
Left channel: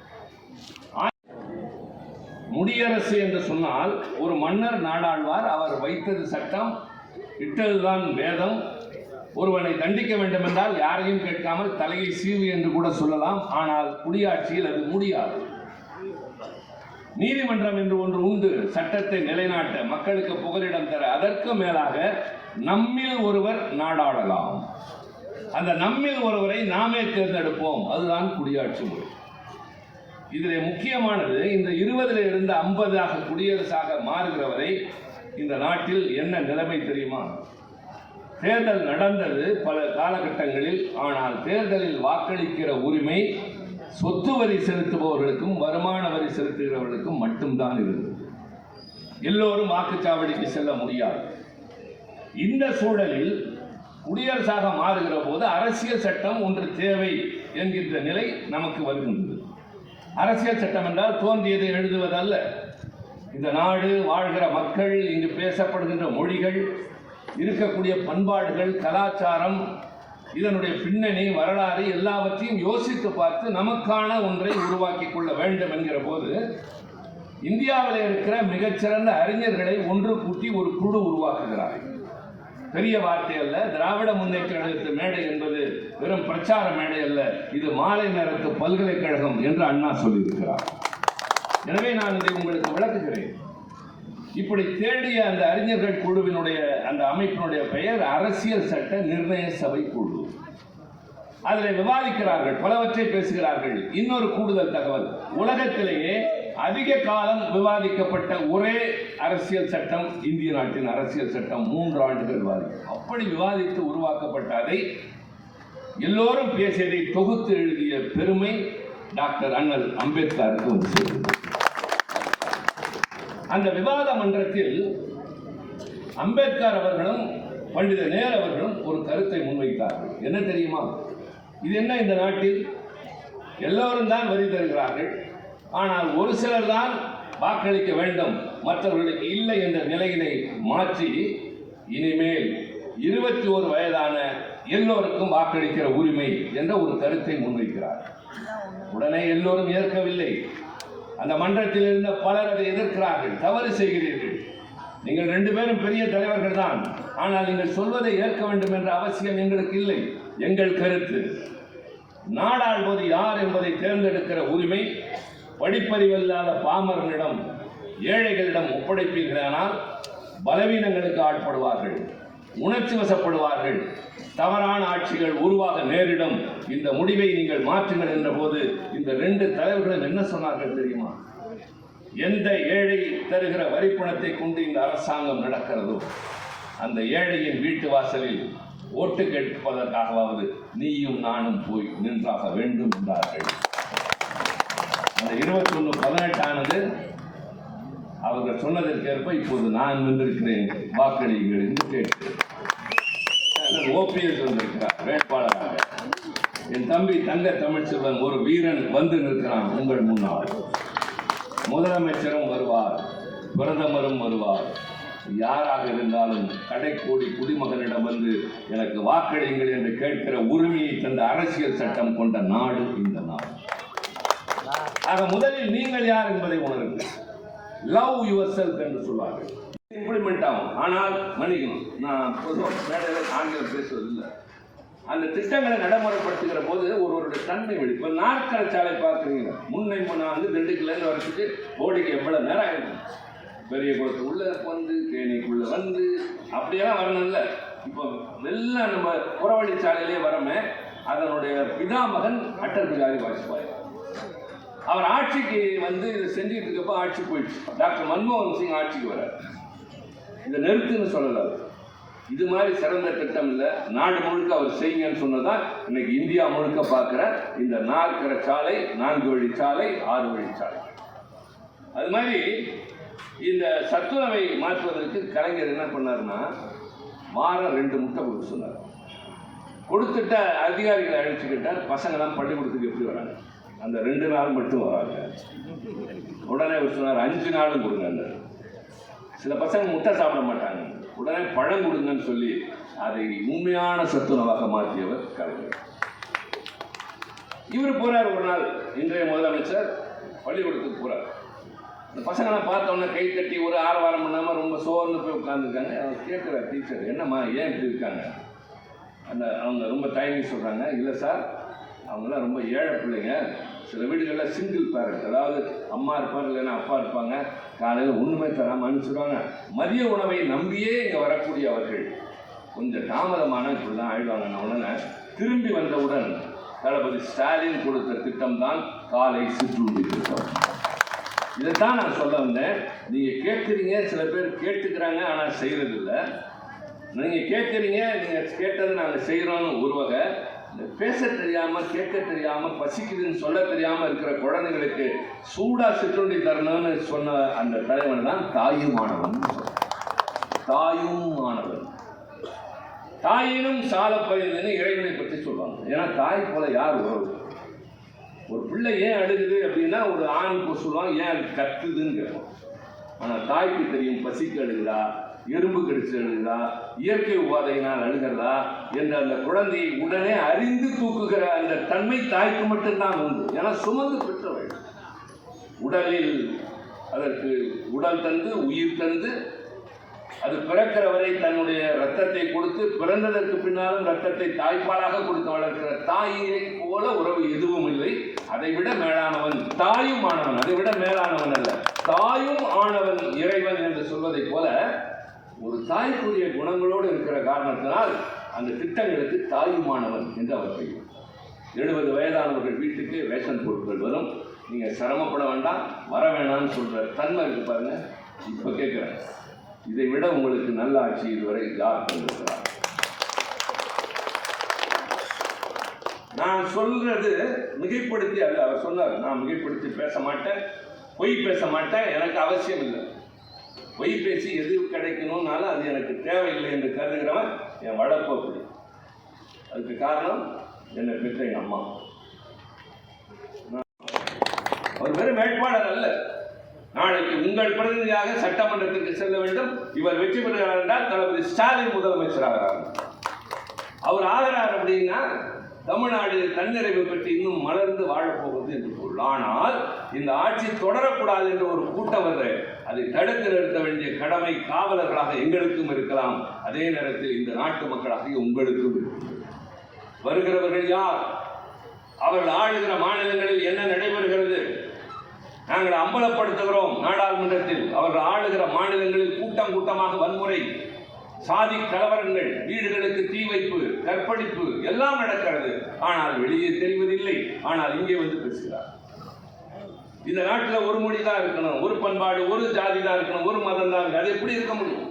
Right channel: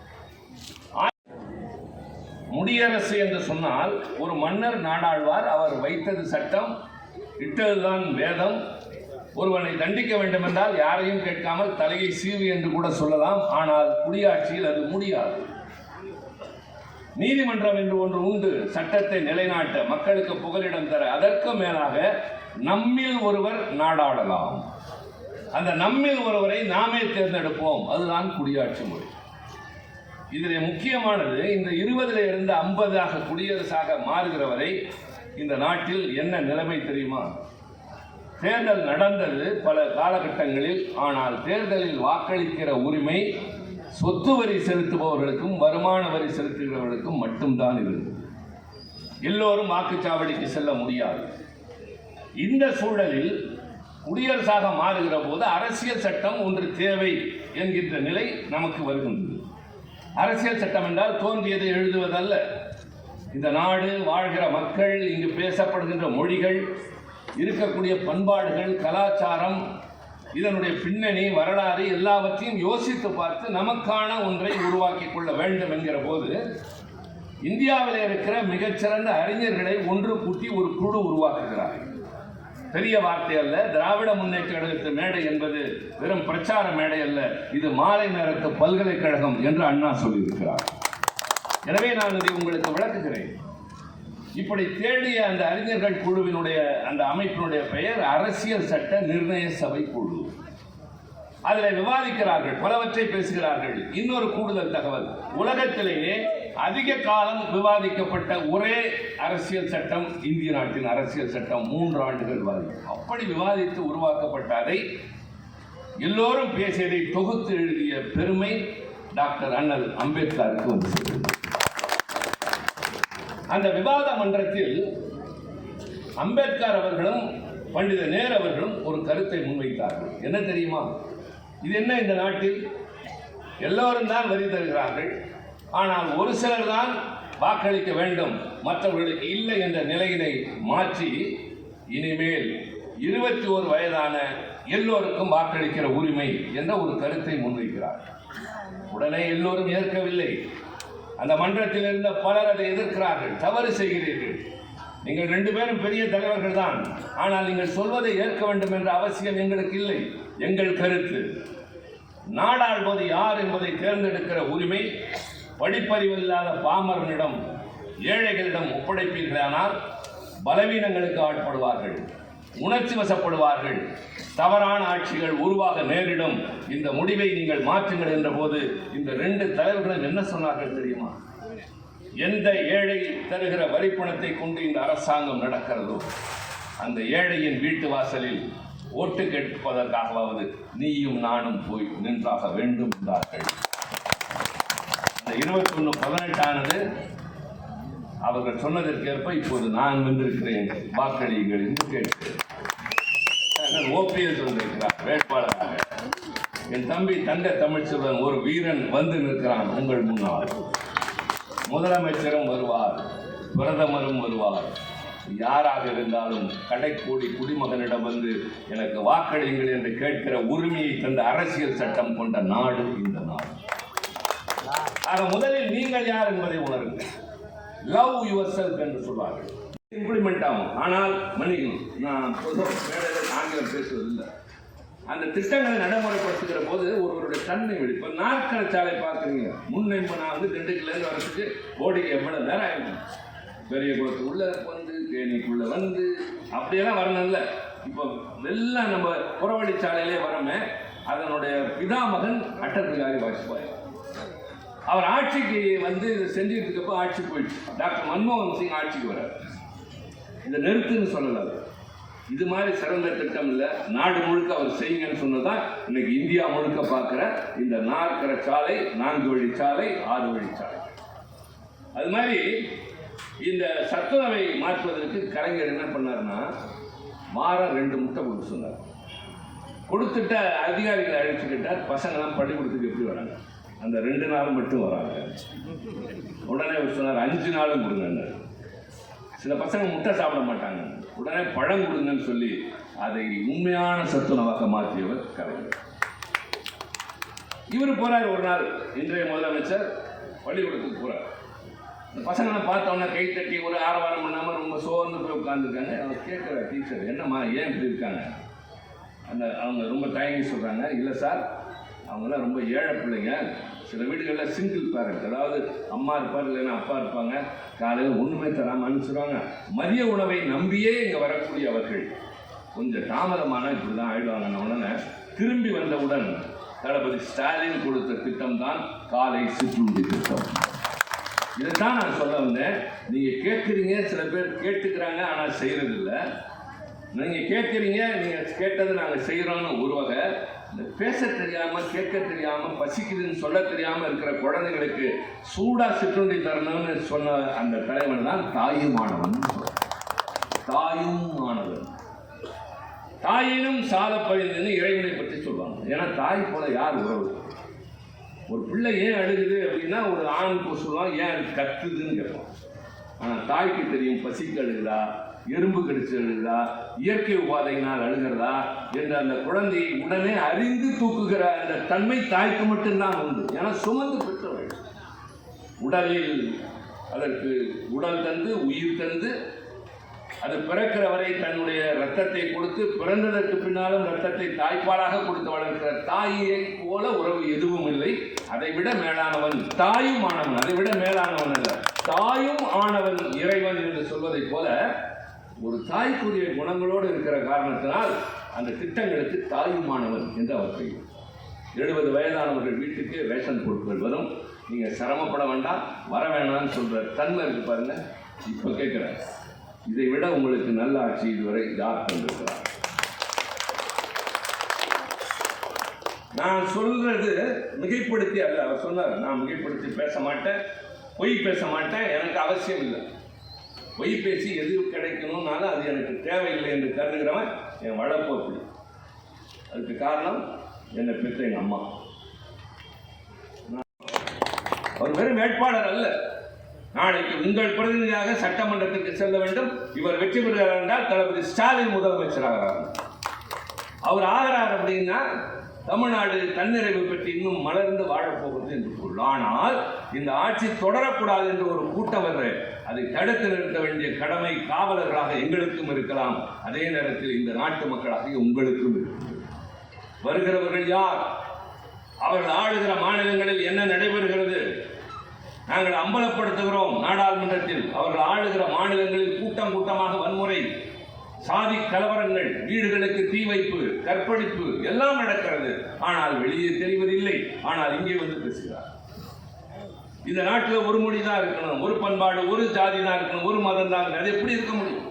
முடியரசு என்று சொன்னால் ஒரு மன்னர் நாடாழ்வார், அவர் வைத்தது சட்டம், இட்டதுதான் வேதம். ஒருவனை தண்டிக்க வேண்டும் என்றால் யாரையும் கேட்காமல் தலையை சீவு என்று கூட சொல்லலாம். ஆனால் குடியாட்சியில் அது முடியாது. நீதிமன்றம் என்று ஒன்று உண்டு, சட்டத்தை நிலைநாட்ட, மக்களுக்கு புகலிடம் தர. அதற்கு மேலாக நம்மில் ஒருவர் நாடாளலாம். அந்த நம்மில் ஒருவரை நாமே தேர்ந்தெடுப்போம். அதுதான் குடியாட்சி முறை. இதில் முக்கியமானது, இந்த 20 இருந்து 50 குடியரசாக மாறுகிற வரை இந்த நாட்டில் என்ன நிலைமை தெரியுமா? தேர்தல் நடந்தது பல காலகட்டங்களில். ஆனால் தேர்தலில் வாக்களிக்கிற உரிமை சொத்து வரி செலுத்துபவர்களுக்கும் வருமான வரி செலுத்துகிறவர்களுக்கும் மட்டும்தான் இருந்தது. எல்லோரும் வாக்குச்சாவடிக்கு செல்ல முடியாது. இந்த சூழலில் குடியரசாக மாறுகிற போது அரசியல் சட்டம் ஒன்று தேவை என்கின்ற நிலை நமக்கு வருகின்றது. அரசியல் சட்டம் என்றால் தோன்றியதை எழுதுவதல்ல. இந்த நாடு, வாழ்கிற மக்கள், இங்கு பேசப்படுகின்ற மொழிகள், இருக்கக்கூடிய பண்பாடுகள், கலாச்சாரம், இதனுடைய பின்னணி, வரலாறு எல்லாவற்றையும் யோசித்து பார்த்து நமக்கான ஒன்றை உருவாக்கி கொள்ள வேண்டும் என்கிற போது இந்தியாவில் இருக்கிற மிகச்சிறந்த அறிஞர்களை ஒன்று கூட்டி ஒரு குழு உருவாக்குகிறார்கள். பெரிய வார்த்தை அல்ல. திராவிட முன்னேற்ற கழகத்து மேடை என்பது வெறும் பிரச்சார மேடை அல்ல, இது மாலை நேரத்து பல்கலைக்கழகம் என்று அண்ணா சொல்லியிருக்கிறார். எனவே நான் இதை உங்களுக்கு விளக்குகிறேன். இப்படி தேடிய அந்த அறிஞர்கள் குழுவினுடைய அந்த அமைப்பினுடைய பெயர் அரசியல் சட்ட நிர்ணய சபை குழு. அதில் விவாதிக்கிறார்கள், பலவற்றை பேசுகிறார்கள். இன்னொரு கூடுதல் தகவல், உலகத்திலேயே அதிக காலம் விவாதிக்கப்பட்ட ஒரே அரசியல் சட்டம் இந்திய நாட்டின் அரசியல் சட்டம். 3 ஆண்டுகள் விவாதிக்கும். அப்படி விவாதித்து உருவாக்கப்பட்ட அதை எல்லோரும் பேசியதை தொகுத்து எழுதிய பெருமை டாக்டர் அண்ணல் அம்பேத்கருக்கு வந்து சேர்ந்தது. அந்த விவாத மன்றத்தில் அம்பேத்கர் அவர்களும் பண்டித நேரு அவர்களும் ஒரு கருத்தை முன்வைத்தார்கள். என்ன தெரியுமா? இது என்ன, இந்த நாட்டில் எல்லோரும் தான் வரி தருகிறார்கள், ஆனால் ஒரு சிலர் தான் வாக்களிக்க வேண்டும், மற்றவர்களுக்கு இல்லை என்ற நிலையினை மாற்றி இனிமேல் 21 வயதான எல்லோருக்கும் வாக்களிக்கிற உரிமை என்ற ஒரு கருத்தை முன்வைக்கிறார். உடனே எல்லோரும் ஏற்கவில்லை. அந்த மன்றத்தில் இருந்த பலர் அதை எதிர்க்கிறார்கள். தவறு செய்கிறீர்கள், நீங்கள் 2 பேரும் பெரிய தலைவர்கள் தான், ஆனால் நீங்கள் சொல்வதை ஏற்க வேண்டும் என்ற அவசியம் எங்களுக்கு இல்லை. எங்கள் கருத்து, நாடாள்வது யார் என்பதை தேர்ந்தெடுக்கிற உரிமை படிப்பறிவில்லாத பாமரனிடம், ஏழைகளிடம் ஒப்படைப்பீர்களானால் பலவீனங்களுக்கு ஆட்படுவார்கள், உணர்ச்சி வசப்படுவார்கள், தவறான ஆட்சிகள் உருவாக நேரிடும். இந்த முடிவை நீங்கள் மாற்றுங்கள் என்ற போது இந்த 2 தலைவர்களும் என்ன சொன்னார்கள் தெரியுமா? எந்த ஏழை தருகிற வரிப்பணத்தை கொண்டு இந்த அரசாங்கம் நடக்கிறதோ அந்த ஏழையின் வீட்டு வாசலில் ஓட்டு கேட்பதற்காகவாவது நீயும் நானும் போய் நின்றாக வேண்டும் என்றார்கள். அந்த 21-18 ஆனது அவர்கள் சொன்னதற்கேற்ப இப்போது நான் வந்திருக்கிறேன், வாக்களியுங்கள் என்று கேட்கிறேன். ஓபிஎஸ் வந்திருக்கிறார் வேட்பாளராக. என் தம்பி தங்க தமிழ்ச்செல்வன் ஒரு வீரன் வந்து நிற்கிறான் உங்கள் முன்னால். முதலமைச்சரும் வருவார், பிரதமரும் வருவார். யாராக இருந்தாலும் கடைக்கோடி குடிமகனிடம் வந்து எனக்கு வாக்களியுங்கள் என்று கேட்கிற உரிமையை தந்த அரசியல் சட்டம் கொண்ட நாடு இந்த நாடு. ஆக முதலில் நீங்கள் யார் என்பதை உணருங்கள். லவ் யுவர் செல்ஃப் என்று சொல்வார்கள். இம்ப்ளிமெண்ட் ஆகும். ஆனால் மன்னிக்கணும், நான் மேடையில் ஆங்கிலம் பேசுவதில்லை. அந்த திட்டங்களை நடைமுறைப்படுத்துகிற போது ஒருவருடைய தன்மை வெளி. இப்போ நாற்கர சாலை பார்க்குறீங்க, நான் வந்து திண்டுக்கல்லேருந்து வரத்துக்கு ஓடிக்கு எவ்வளோ நேரம் ஆகிடும். பெரிய குளத்து உள்ள வந்து தேனிக்குள்ளே வந்து அப்படியெல்லாம் வரணும் இல்லை. இப்போ எல்லாம் நம்ம புறவழிச்சாலையிலே வரமே. அதனுடைய பிதாமகன் அட்டல் பிகாரி வாஜ்பாய். அவர் ஆட்சிக்கு வந்து செஞ்சுட்டு இருக்கப்போ ஆட்சி போயிடுச்சு. டாக்டர் மன்மோகன் சிங் ஆட்சிக்கு வர்றார். இதை நிறுத்துன்னு சொல்லலை. இது மாதிரி சிறந்த திட்டம் இல்லை, நாடு முழுக்க அவர் செய்யுங்கன்னு சொன்னதான் இன்னைக்கு இந்தியா முழுக்க பார்க்குற இந்த நாற்கர சாலை, 4 வழிச்சாலை, 6 வழிச்சாலை. அது மாதிரி இந்த சத்துணவை மாற்றுவதற்கு கலைஞர் என்ன பண்ணாருன்னா, வாரம் 2 முட்டை கொடுக்க சொன்னார். கொடுத்துட்ட அதிகாரிகளை அழைச்சிக்கிட்டார். பசங்களாம் பள்ளிக்கூடத்துக்கு எப்படி வராங்க? அந்த 2 நாள் மட்டும் வராங்க. உடனே அவர் சொன்னார் 5 நாளும் கொடுங்க. சில பசங்க முட்டை சாப்பிட மாட்டாங்க, உடனே பழம் கொடுங்கன்னு சொல்லி அதை உண்மையான சத்துணவாக மாற்றியவர் கலைஞர். இவர் போறார் ஒரு நாள், இன்றைய முதலமைச்சர் பள்ளிக்கூடத்துக்கு போறார். இந்த பசங்களாம் பார்த்தோன்னே கை தட்டி ஒரு ஆரவாரம் பண்ணாமல் ரொம்ப சோர்ந்து போய் உட்காந்துருக்காங்க. அவங்க கேட்குற டீச்சர், என்னம்மா ஏன் இப்படி இருக்காங்க? அவங்க ரொம்ப தயங்கி சொல்கிறாங்க, இல்லை சார் அவங்களாம் ரொம்ப ஏழை பிள்ளைங்க. சில வீடுகளில் சிங்கிள் பேரண்ட், அதாவது அம்மா இருப்பார் இல்லைன்னா அப்பா இருப்பாங்க. காலையில் ஒன்றுமே தராமல் அனுப்பிச்சுடுவாங்க. மதிய உணவை நம்பியே இங்கே வரக்கூடிய அவர்கள் கொஞ்சம் தாமதமான இப்படி தான் ஆயிடுவாங்க. உடனே திரும்பி வந்தவுடன் தளபதி ஸ்டாலின் கொடுத்த திட்டம் தான் காலை சிற்றுண்டி திட்டம். இதைத்தான் நான் சொல்ல வந்தேன். நீங்கள் கேட்குறீங்க, சில பேர் கேட்டுக்கிறாங்க, ஆனால் செய்கிறதில்லை. நீங்கள் கேட்குறீங்க, நீங்கள் கேட்டதை நாங்கள் செய்கிறோன்னு ஒரு வகை. இந்த பேச தெரியாமல், கேட்க தெரியாமல், பசிக்குதுன்னு சொல்ல தெரியாமல் இருக்கிற குழந்தைங்களுக்கு சூடாக சிற்றுண்டி தரணும்னு சொன்ன அந்த தலைவன் தான் தாயுமானவன். தாயுமானவன், தாயினும் சால பரிந்துன்னு இறைவனை பற்றி சொல்லுவாங்க. ஏன்னா தாய் போல யார் உறவு? ஒரு பிள்ளை ஏன் அழுகுது அப்படின்னா ஒரு ஆண் சொல்லுவான் ஏன் அது கத்துதுன்னு கேட்போம். ஆனால் தாய்க்கு தெரியும் பசிக்கு அழுகுதா, எறும்பு கடிச்சு அழுகுதா, இயற்கை உபாதையினால் அழுகிறதா என்று அந்த குழந்தையை உடனே அறிந்து தூக்குகிற அந்த தன்மை தாய்க்கு மட்டும்தான் உண்டு. ஏன்னா சுமந்து பெற்றவள். உடலில் அதற்கு உடல் தந்து உயிர் தந்து அது பிறக்கிற வரை தன்னுடைய ரத்தத்தை கொடுத்து பிறந்ததற்கு பின்னாலும் ரத்தத்தை தாய்ப்பாலாக கொடுத்து வளர்க்கிற தாயை போல உறவு எதுவும் இல்லை. அதை விட மேலானவன் தாயும் ஆனவன், அதை விட மேலானவன் அல்ல, தாயும் ஆனவன் இறைவன் என்று சொல்வதை போல ஒரு தாய்க்குரிய குணங்களோடு இருக்கிற காரணத்தினால் அந்த திட்டங்களுக்கு தாயுமானவன் என்று அவர் பெயர். 70 வயதானவர்கள் வீட்டுக்கு ரேஷன் பொருட்கள் வரும். நீங்கள் சிரமப்பட வேண்டாம், வர வேணாம்னு சொல்கிற தன்மை இருக்கு பாருங்க. இப்போ கேட்குறேன், இதை விட உங்களுக்கு நல்ல ஆட்சி இதுவரை யார் தந்திருக்கிறார்? நான் சொல்கிறது மிகைப்படுத்தி அல்ல. அவர் சொன்னார், நான் மிகைப்படுத்தி பேச மாட்டேன், பொய் பேச மாட்டேன், எனக்கு அவசியம் இல்லை. பொய் பேசி எது கிடைக்கணும்னாலும் அது எனக்கு தேவையில்லை என்று கருதுகிறவன் என் வளர்ப்பு அப்படி. அதுக்கு காரணம் என்னை பெற்ற எங்கள் அம்மா. அவர் வெறும் வேட்பாளர் அல்ல. நாளைக்கு உங்கள் பிரதிநிதியாக சட்டமன்றத்துக்கு செல்ல வேண்டும். இவர் வெற்றி பெறுகிறார் என்றால் தளபதி ஸ்டாலின் முதலமைச்சராகிறார். அவர் ஆகிறார் அப்படின்னா தமிழ்நாடு தன்னிறைவு பெற்று இன்னும் மலர்ந்து வாழப்போகிறது என்று பொருள். ஆனால் இந்த ஆட்சி தொடரக்கூடாது என்று ஒரு கூட்டம் வருது. அதை தடுத்து நிறுத்த வேண்டிய கடமை காவலர்களாக எங்களுக்கும் இருக்கலாம். அதே நேரத்தில் இந்த நாட்டு மக்களாக உங்களுக்கும் இருக்கிறது. வருகிறவர்கள் யார்? அவர்கள் ஆளுகிற மாநிலங்களில் என்ன நடைபெறுகிறது? நாங்கள் அம்பலப்படுத்துகிறோம் நாடாளுமன்றத்தில். அவர்கள் ஆளுகிற மாநிலங்களில் கூட்டம் கூட்டமாக வன்முறை, சாதி கலவரங்கள், வீடுகளுக்கு தீ வைப்பு, கற்பழிப்பு எல்லாம் நடக்கிறது. ஆனால் வெளியே தெரிவதில்லை. ஆனால் இங்கே வந்து பேசுகிறார். இந்த நாட்டில் ஒரு மொழி தான் இருக்கணும், ஒரு பண்பாடு, ஒரு ஜாதி தான் இருக்கணும், ஒரு மதம் தான் இருக்கணும். அது எப்படி இருக்க முடியும்?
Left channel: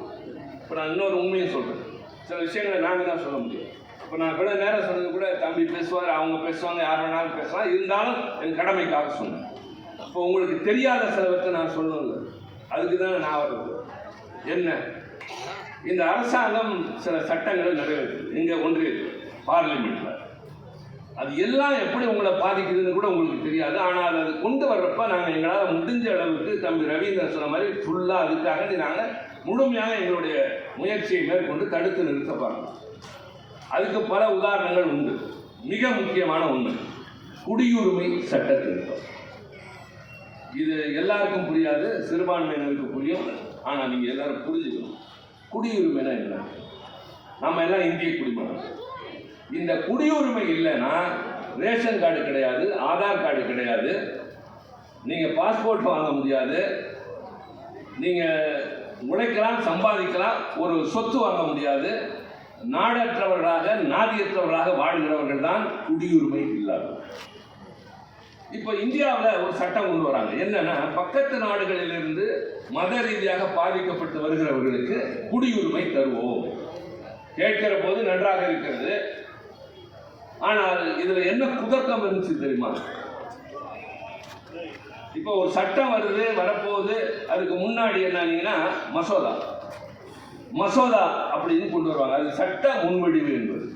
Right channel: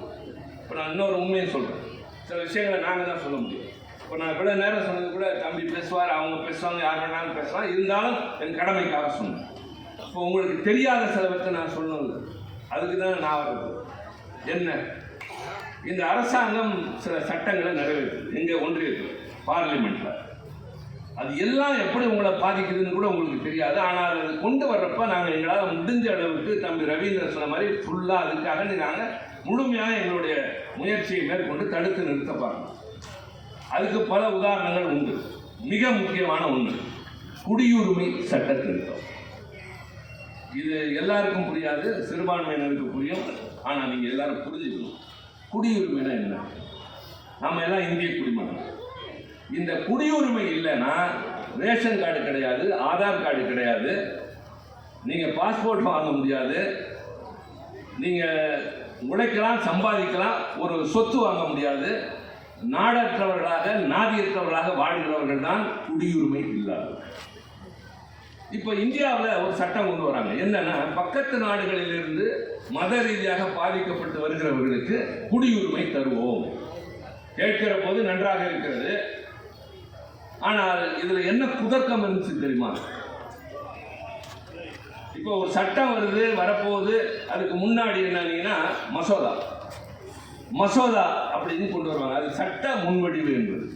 இப்போ நான் இன்னொரு உண்மையை சொல்கிறேன். சில விஷயங்களை நாங்கள் தான் சொல்ல முடியும். இப்போ நான் கூட நேரம் சொன்னது கூட தம்பி பேசுவார், அவங்க பேசுவாங்க, யார் வேணாலும் பேசலாம். இருந்தாலும் என் கடமைக்காக சொன்னேன். இப்போ உங்களுக்கு தெரியாத சிலவற்றை நான் சொல்லணும்ல, அதுக்கு தான் நான் வரது. என்ன, இந்த அரசாங்கம் சில சட்டங்களை நிறைவேற்றுது எங்க ஒன்றியத்தில் பார்லிமெண்ட்ல. அது எல்லாம் எப்படி உங்களை பாதிக்குதுன்னு கூட உங்களுக்கு தெரியாது. ஆனால் அது கொண்டு வர்றப்ப நாங்கள் எங்களால் முடிஞ்ச அளவுக்கு தம்பி ரவீந்திரன் சொன்ன மாதிரி ஃபுல்லாக அதுக்காக நாங்கள் முழுமையாக எங்களுடைய முயற்சியை மேற்கொண்டு தடுத்து நிறுத்த பார்க்கணும். அதுக்கு பல உதாரணங்கள் உண்டு. மிக முக்கியமான ஒன்று குடியுரிமை சட்ட திருத்தம். இது எல்லாருக்கும் புரியாது, சிறுபான்மையினருக்கு புரியும். ஆனால் நீங்கள் எல்லாரும் புரிஞ்சுக்கணும், குடியுரிமைனா என்ன. நம்ம எல்லாம் இந்திய குடிமகன். இந்த குடியுரிமை இல்லைன்னா ரேஷன் கார்டு கிடையாது, ஆதார் கார்டு கிடையாது, நீங்கள் பாஸ்போர்ட் வாங்க முடியாது, நீங்கள் உழைக்கலாம், சம்பாதிக்கலாம், ஒரு சொத்து வாங்க முடியாது. நாடற்றவர்களாக, நாதியற்றவர்களாக வாழ்கிறவர்கள் தான் குடியுரிமை இல்லாதவர்கள். இப்போ இந்தியாவில் ஒரு சட்டம் கொண்டு வராங்க. என்னன்னா, பக்கத்து நாடுகளிலிருந்து மத ரீதியாக பாதிக்கப்பட்டு வருகிறவர்களுக்கு குடியுரிமை தருவோம். கேட்கிற போது நன்றாக இருக்கிறது. ஆனால் இதுல என்ன குதர்க்கம் இருந்துச்சு தெரியுமா? இப்போ ஒரு சட்டம் வருது, வரப்போகுது. அதுக்கு முன்னாடி என்னன்னா மசோதா அப்படின்னு கொண்டு வருவாங்க. அது சட்ட முன்வடிவு என்பது.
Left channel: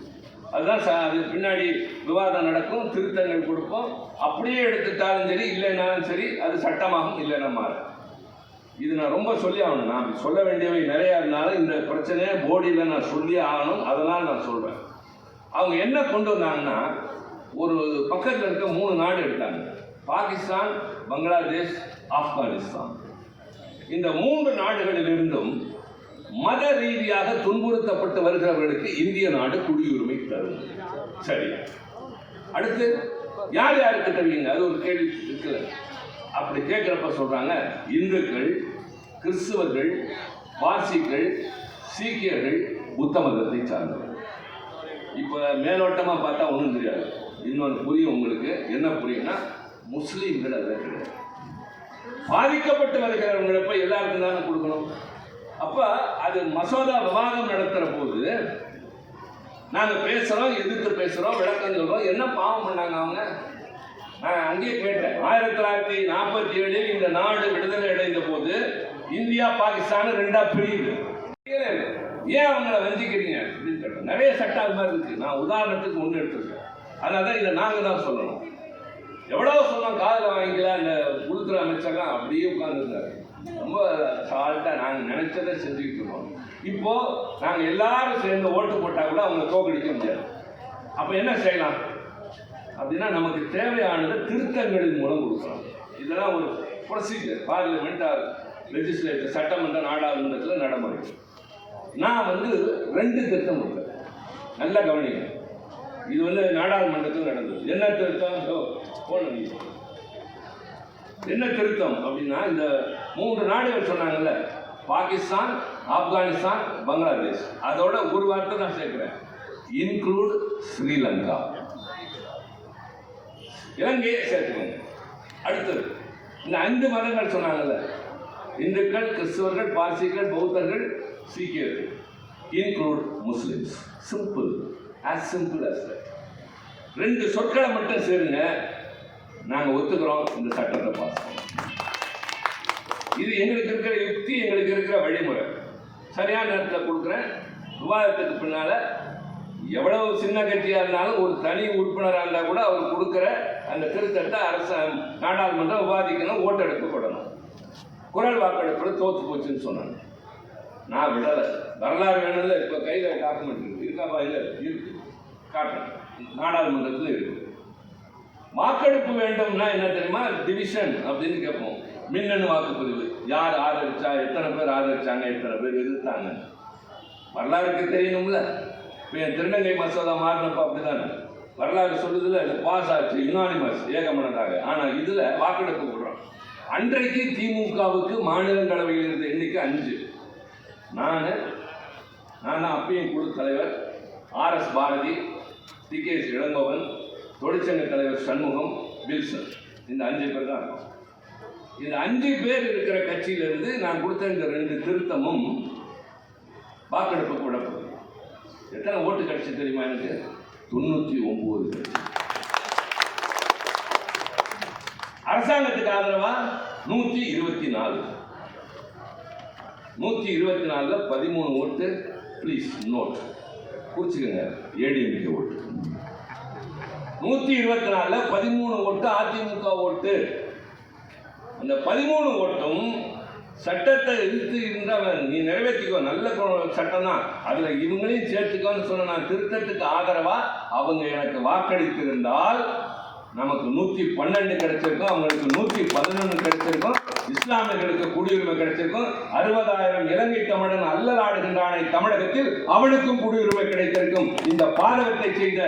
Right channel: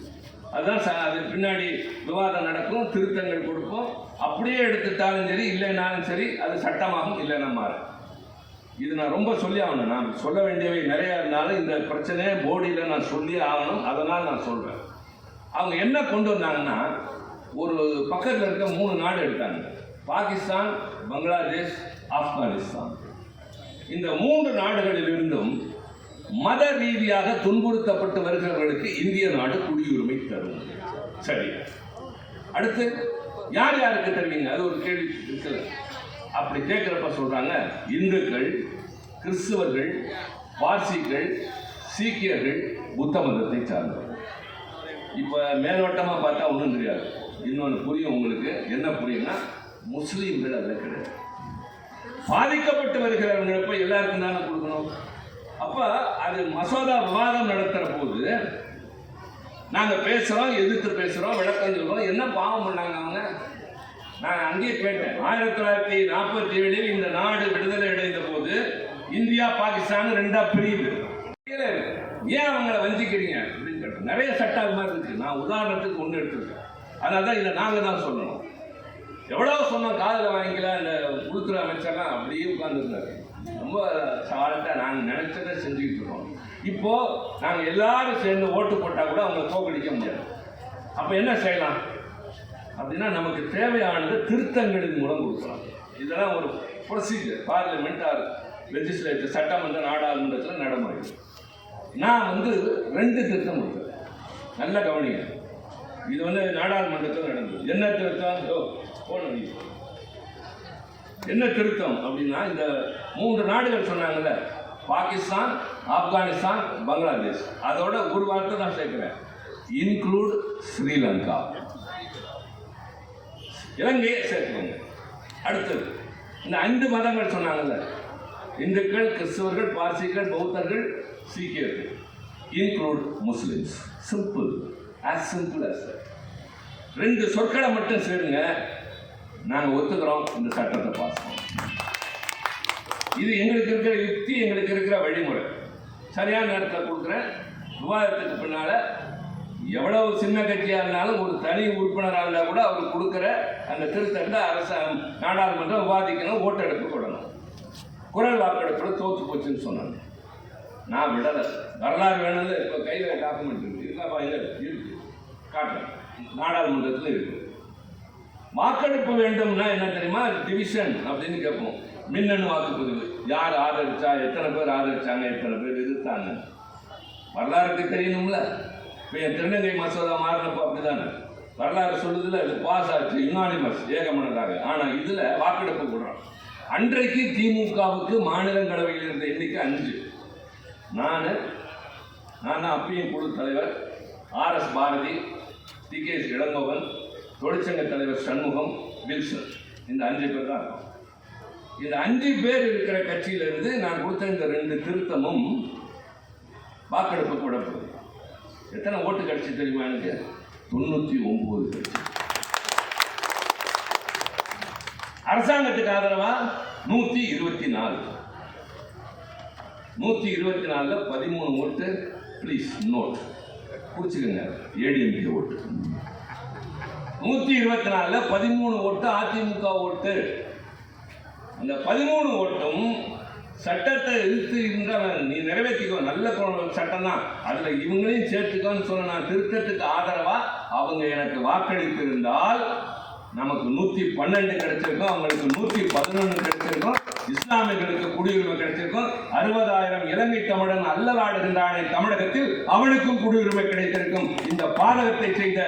அதுதான் அது பின்னாடி விவாதம் நடக்கும், திருத்தங்கள் கொடுப்போம். அப்படியே எடுத்துட்டாலும் சரி, இல்லைன்னாலும் சரி, அது சட்டமாகும், இல்லைன்னா மாறும். இது நான் ரொம்ப சொல்லி ஆகணும். நான் சொல்ல வேண்டியவை நிறையா இருந்தாலும் இந்த பிரச்சனையை போடியில் நான் சொல்லி ஆகணும். அதனால் நான் சொல்கிறேன். அவங்க என்ன கொண்டு வந்தாங்கன்னா, ஒரு பக்கத்தில் இருக்க 3 நாடு எடுத்தாங்க. பாகிஸ்தான், பங்களாதேஷ், ஆப்கானிஸ்தான். இந்த 3 நாடுகளிலிருந்தும் மத ரீதியாக துன்புறுத்தப்பட்டு வருகிறவர்களுக்கு இந்திய நாடு குடியுரிமை தரும். சரி, அடுத்து யார் யாருக்கு தெரியுங்க? அது ஒரு கேள்வி இருக்குல்ல. அப்படி கேட்குறப்ப சொல்றாங்க, இந்துக்கள், கிறிஸ்துவர்கள், பார்சிகள், சீக்கியர்கள், புத்த மதத்தை சார்ந்தவர்கள். இப்போ மேலோட்டமாக பார்த்தா ஒன்றும் தெரியாது. இன்னொன்று புரியும் உங்களுக்கு. என்ன புரியும்னா, முஸ்லீம்கள் அதில் கிடையாது. பாதிக்கப்பட்டு வருகிறவங்களப்ப எல்லாருக்கும் தானே கொடுக்கணும். அப்போ அது மசோதா விவாதம் நடத்துகிற போது நாங்கள் பேசுகிறோம், எதிர்த்து பேசுகிறோம், விளக்கம் சொல்கிறோம். என்ன பாவம் பண்ணாங்க அவங்க? நான் அங்கேயே கேட்டேன். 1947 இந்த நாடு விடுதலை அடைந்த போது இந்தியா பாகிஸ்தான் 2ஆ பிரியுது. ஏன் அவங்கள வஞ்சிக்கிறீங்க அப்படின்னு கேட்டேன். நிறைய சட்டம் அது மாதிரி இருக்கு. நான் உதாரணத்துக்கு ஒன்று எடுத்துருக்கேன். அதனால தான் இதை நாங்கள் தான் சொல்லணும். எவ்வளோ சொன்னோம், காதில் வாங்கிக்கலாம். இந்த உள்துறை அமைச்சர்லாம் அப்படியே உட்கார்ந்துருந்தாரு. ரொம்ப சால்ட்டாக நாங்கள் நினைச்சதை செஞ்சுக்கிட்டு இருக்கோம். இப்போ நாங்கள் எல்லாரும் சேர்ந்து ஓட்டு போட்டால் கூட அவங்க தோக்கடிக்க முடியாது. அப்போ என்ன செய்யலாம் அப்படின்னா, நமக்கு தேவையானது திருத்தங்களின் மூலம் கொடுக்கலாம். இதெல்லாம் ஒரு ப்ரொசீஜர். பார்லிமெண்ட் ஆர் லெஜிஸ்லேச்சர், சட்டமன்ற நாடாளுமன்றத்தில் நடைமுறை. நான் 2 திருத்தம் கொடுத்தேன். நல்ல கவனிங்க. இது நாடாளுமன்றத்தில் நடந்தது. என்ன திருத்தம்? என்ன திருத்தம் அப்படின்னா, இந்த 3 நாடுகள் சொன்னாங்கல்ல, பாகிஸ்தான், ஆப்கானிஸ்தான், பங்களாதேஷ், அதோட ஒரு வார்த்தை நான் சேர்க்கிறேன், இன்க்ளூட் ஸ்ரீலங்கா, இலங்கையை சேர்த்துக்கோங்க. அடுத்தது இந்த 5 மதங்கள் சொன்னாங்கல்ல, இந்துக்கள், கிறிஸ்தவர்கள், பார்சிகள், பௌத்தர்கள், சீக்கியர்கள், include Muslims. Simple, as simple as that. 2 சொற்களை மட்டும் சேருங்க, நாங்கள் ஒத்துக்கிறோம், இந்த சட்டத்தை பாஸ் பண்ணோம். இது எங்களுக்கு இருக்கிற யுக்தி, எங்களுக்கு இருக்கிற வழிமுறை. சரியான நேரத்தில் கொடுக்குறேன். விவாதத்துக்கு பின்னால் எவ்வளவு சின்ன கட்சியாக இருந்தாலும் ஒரு தனி உறுப்பினராக இருந்தால் கூட அவர் கொடுக்குற அந்த திருத்தத்தை நாடாளுமன்றம் விவாதிக்கணும், ஓட்டெடுக்கப்படணும். குரல் வாக்கெடுப்பில் தோற்று போச்சுன்னு சொன்னாங்க. நான் விடலை. வரலாறு வேணும்ல. இப்போ கையில் டாக்குமெண்ட் இருக்குது, இருக்காப்பா? இல்லை, இருக்கு, காட்டுறேன். நாடாளுமன்றத்தில் இருக்குது. வாக்கெடுப்பு வேண்டும்னா என்ன தெரியுமா? டிவிஷன் அப்படின்னு கேட்போம். மின்னணு வாக்குப்பதிவு. யார் ஆதரிச்சா, எத்தனை பேர் ஆதரிச்சாங்க, எத்தனை பேர் எதிர்த்தாங்க, வரலாறுக்கு தெரியணும்ல. இப்போ என் திருநங்கை மசோதா மாறினப்போ அப்படிதானே வரலாறு சொல்லுதுல, இது பாஸ் ஆச்சு, யுனானிமஸ், ஏகமனதாக. ஆனால் இதில் வாக்கெடுப்பு விடுறோம். அன்றைக்கு திமுகவுக்கு மாநிலங்களவையில் இருந்த எண்ணிக்கை 5. நான் தான் அப்பயும் குழு தலைவர், RS பாரதி, TKS இளங்கோவன், தொழிற்சங்க தலைவர் சண்முகம், வில்சன். இந்த 5 பேர் தான். இந்த 5 பேர் இருக்கிற கட்சியிலிருந்து நான் கொடுத்த இந்த 2 திருத்தமும் வாக்கெடுப்பு கூட போகுது. எத்தனை ஓட்டு கிடைச்சி தெரியுமா எனக்கு? 99 கிடைச்சி. அரசாங்கத்துக்கு ஆதரவா 124. 124ல 13 ஓட்டு. ப்ளீஸ் நோட் குறிச்சுக்கங்க, ஏடிஎம்கே ஓட்டு. 124ல 13 ஓட்டு அதிமுக ஓட்டு. அந்த 13 ஓட்டும் சட்டத்தை இழுத்து இருந்தவன் நீ நிறைவேற்றிக்கோ, நல்ல சட்டம் தான், அதுல இவங்களையும் சேர்த்துக்கோன்னு சொன்ன நான் திருத்தத்துக்கு ஆதரவா அவங்க எனக்கு வாக்களித்திருந்தால் நமக்கு 112 கிடைச்சிருக்கும், அவங்களுக்கு 111 கிடைச்சிருக்கும், இஸ்லாமியர்களுக்கு குடியுரிமை கிடைச்சிருக்கும். 60,000 இலங்கை தமிழன் அல்லலாடுகின்றானே தமிழகத்தில் அவனுக்கும் குடியுரிமை கிடைத்திருக்கும். இந்த பாதகத்தை செய்த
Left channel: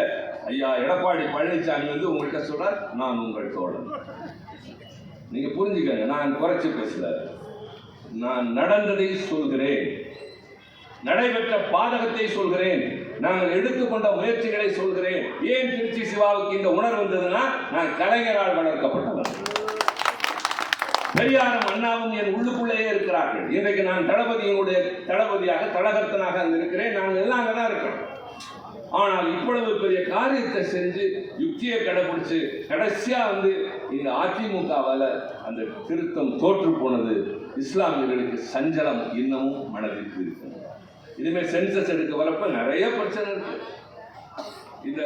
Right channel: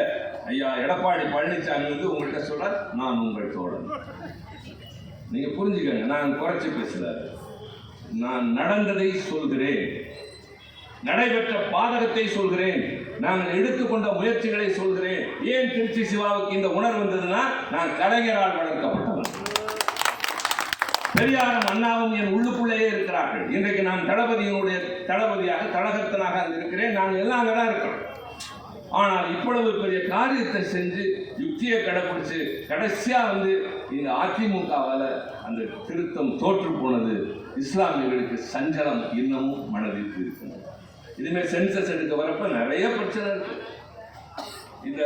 ஐயா எடப்பாடி பழனிசாமி வந்து உங்கள்கிட்ட சொல்றார், நான் உங்கள் தோழன். நீங்க புரிஞ்சுக்கங்க, நான் குறைச்சு பேசல, நான் நடந்ததை சொல்கிறேன், நடைபெற்ற பாதகத்தை சொல்கிறேன், நாங்கள் எடுத்துக்கொண்ட முயற்சிகளை சொல்கிறேன். ஏன் திருச்சி சிவாவுக்கு இந்த உணர்வு வந்ததுன்னா, நான் கலைஞரால் வளர்க்கப்பட்டவன். பெரியாரும் அண்ணாவும் என் உள்ளுக்குள்ளேயே இருக்கிறார்கள். இன்றைக்கு நான் தளபதியாக கழகத்தனாக இருக்கிறேன். நாங்கள் எல்லாம் அங்கதான் இருக்கிறோம். ஆனால் இவ்வளவு பெரிய காரியத்தை செஞ்சு யுக்தியை கடைபிடிச்சு கடைசியா வந்து இந்த அதிமுகவால் அந்த திருத்தம் தோற்று போனது. இஸ்லாமியர்களுக்கு சஞ்சலம் இன்னமும் மனதிற்கு இருக்கும். இனிமேல் சென்சஸ் எடுக்க வரப்ப நிறைய பிரச்சனை இருக்கு. இந்த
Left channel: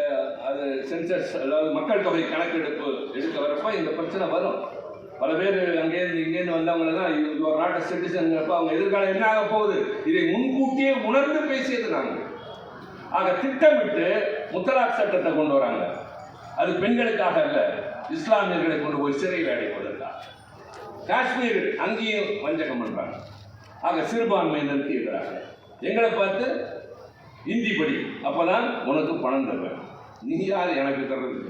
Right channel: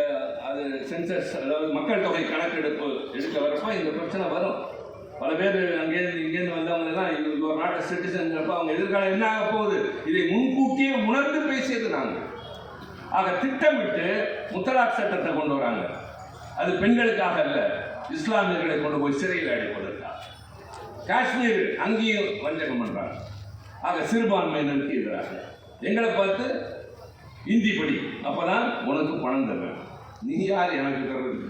அது சென்சஸ், அதாவது மக்கள் தொகை கணக்கெடுப்பு எடுக்க வரப்ப இந்த பிரச்சனை வரும். பல பேர் இங்கேருந்து வந்தவங்க எல்லாம் நாட்டு சிட்டிசன், அவங்க எதிர்காலம் என்ன ஆக போகுது இதை முன்கூட்டியே உணர்ந்து பேசியது நாங்கள். ஆக திட்டமிட்டு முத்தலாக் சட்டத்தை கொண்டு வராங்க. அது பெண்களுக்காக அல்ல, இஸ்லாமியர்களை கொண்டு போய் சிறையில் அடைப்பதற்காக. காஷ்மீர் அங்கேயும் வஞ்சகம் பண்றாங்க. ஆக சிறுபான்மையினருக்கு எதிராக எங்களை பார்த்து இந்தி படி, அப்பதான் உனக்கு பணம் தருவேன். நீ யார் எனக்கு தர்றது?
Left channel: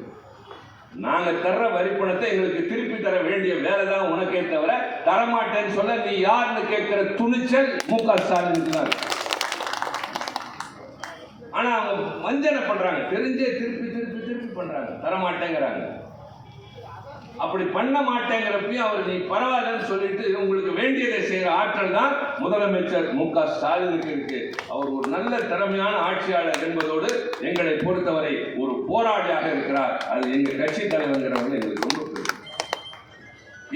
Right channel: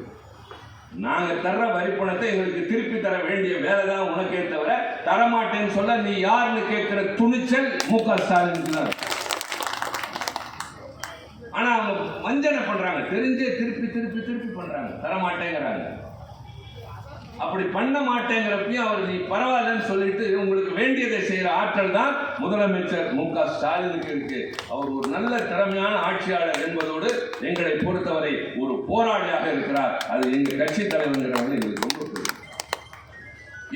நாங்க தர்ற வரி பணத்தை எங்களுக்கு திருப்பி தர வேண்டிய வேலை தான் உனக்கே தவிர தரமாட்டேன்னு சொல்ல நீ யாருன்னு கேட்கிற துணிச்சல் மு.க. ஸ்டாலினுக்கு தான். ஆனா அவங்க வஞ்சனை பண்றாங்க, தெரிஞ்சே திருப்பி பண்றாங்க, தரமாட்டேங்கிறாங்க. அப்படி பண்ண மாட்டேங்கிறப்பையும் அவர் நீ பரவாயில்லன்னு சொல்லிட்டு உங்களுக்கு வேண்டியதை செய்யற ஆற்றல் தான் முதலமைச்சர் மு.க. ஸ்டாலினுக்கு இருக்கு. அவர் ஒரு நல்ல திறமையான ஆட்சியாளர் என்பதோடு எங்களை பொறுத்தவரை ஒரு போராளியாக இருக்கிறார். அது எங்க கட்சி தலைவர்ங்கிறவங்க எங்களுக்கு ரொம்ப பிடிக்கும்.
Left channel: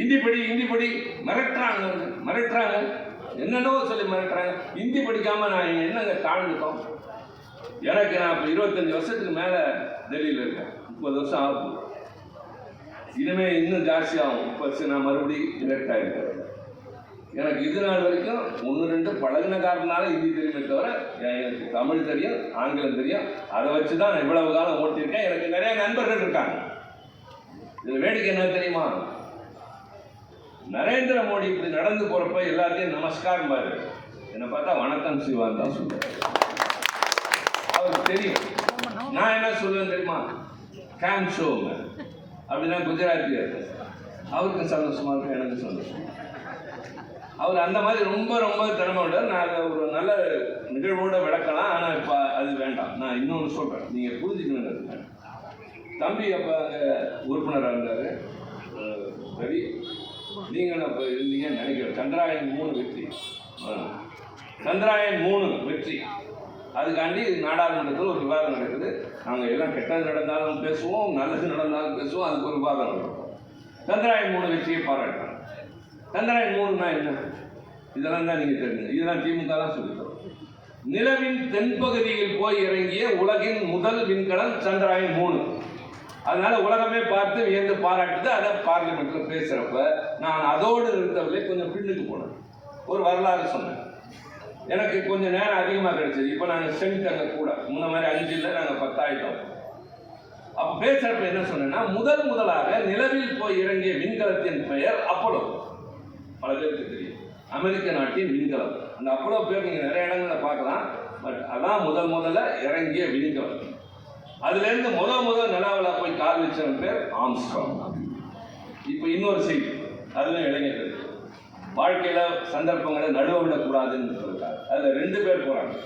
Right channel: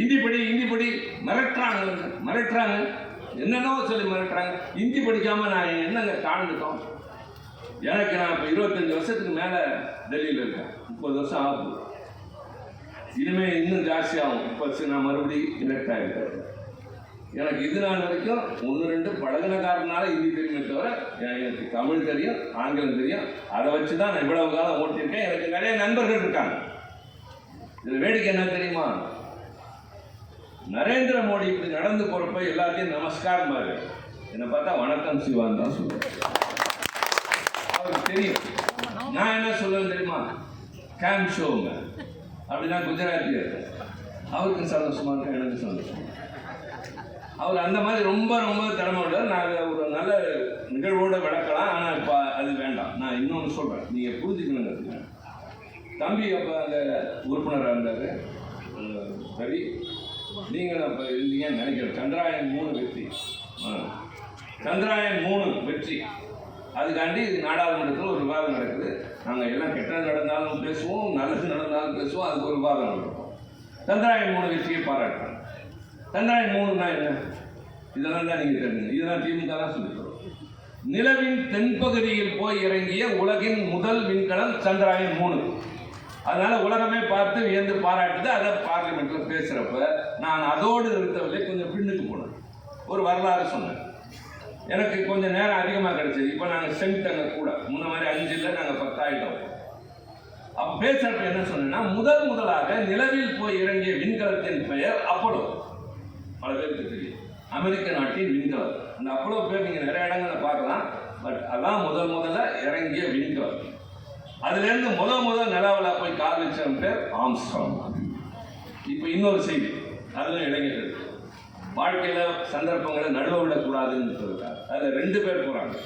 இந்தி படி மிரட்டுறாங்க, என்னென்னவோ சொல்லி மிரட்டுறாங்க. இந்தி படிக்காம நான் என்னங்க தாழ்ந்துட்டோம்? எனக்கு நான் இப்போ 25 வருஷத்துக்கு மேல டெல்லியில் இருக்கேன். 30 வருஷம் ஆகுது. இனிமே இன்னும் ஜாஸ்தியாகும். இப்போ நான் மறுபடியும் எலெக்ட் ஆகிருக்கேன். எனக்கு இது நாள் வரைக்கும் 1-2 பழகின காரணனால ஹிந்தி தெரியுமே தவிர எனக்கு தமிழ் தெரியும், ஆங்கிலம் தெரியும். அதை வச்சு தான் நான் இவ்வளவு காலம் ஓட்டியிருக்கேன். எனக்கு நிறைய நண்பர்கள் இருக்காங்க. இதில் வேடிக்கை என்ன தெரியுமா? நரேந்திர மோடி இப்படி நடந்து போறப்ப எல்லாத்தையும் நமஸ்காரம் பாரு, என்னை பார்த்தா வணக்கம் சிவான் தான் சொல்லுவேன். அவருக்கு தெரியும் நான் என்ன சொல்லுவேன் தெரியுமா? கேம் ஷோங்க அப்படின்னா குஜராத்தியர். அவருக்கு சந்தோஷமா இருக்கும், எனக்கு சந்தோஷம். அவர் அந்த மாதிரி ரொம்ப திறமையோட நான் ஒரு நல்ல நிகழ்வோட விளக்கலாம். ஆனால் இப்போ அது வேண்டாம். நான் இன்னொன்று சொல்கிறேன், நீங்கள் புரிஞ்சுக்கணுங்க. தம்பி அப்போ அங்கே உறுப்பினராக இருந்தார். சரி, நீங்கள் அப்போ இருந்தீங்கன்னு நினைக்கிறேன். சந்திராயன் 3 வெற்றி. சந்திராயன் 3 வெற்றி. அதுக்காண்டி நாடாளுமன்றத்தில் ஒரு விவாதம் நடக்குது. நாங்கள் எல்லாம் கெட்டது நடந்தாலும் பேசுவோம், நல்லது நடந்தாலும் பேசுவோம். அதுக்கு ஒரு விவாதம் நடக்கும். சந்திராயன் 3 வெற்றியை பாராட்டுறோம். சந்திராயன் 3ன்னா என்ன? இதெல்லாம் தான் நீங்கள் தெரிஞ்சுங்க. இதெல்லாம் திமுக தான் சொல்லிக்கிறோம். நிலவின் தென்பகுதியில் போய் இறங்கிய உலகின் முதல் விண்கலம் சந்திராயன் 3. அதனால உலகமே பார்த்து வியந்து பாராட்டுது. அதை பார்லிமெண்ட்ல பேசுறப்ப நான் அதோடு இருந்தவர்களே கொஞ்சம் பின்னுக்கு போனேன். ஒரு வரலாறு சொன்னேன். எனக்கு கொஞ்சம் நேரம் அதிகமாக கிடைச்சது. இப்போ நாங்கள் ஸ்ட்ரென்த் அங்கே கூட முன்ன மாதிரி 5 நாங்கள் 10 ஆகிட்டோம். அப்போ பேசுறப்ப என்ன சொன்னேன்னா, முதலாக நிலவில் போய் இறங்கிய விண்கலத்தின் பெயர் அப்போலோ. பல பேருக்கு தெரியும், அமெரிக்க நாட்டின் விண்கலம். அந்த அப்போலோ பேர் நீங்கள் நிறைய இடங்களை பார்க்கலாம். பட் அதான் முதல்ல இறங்கிய விண்கலம். அதுலேருந்து முதல் நிலாவில் போய் கால் வச்சவன் பேர் ஆம்ஸ்ட்ராங். இப்போ இன்னொரு செய்தி, அதுவும் இளைஞர்கள் வாழ்க்கையில் சந்தர்ப்பங்களை நடுவ விடக்கூடாதுன்னு சொல்லிட்டாங்க. அதில் 2 பேர் போகிறாங்க.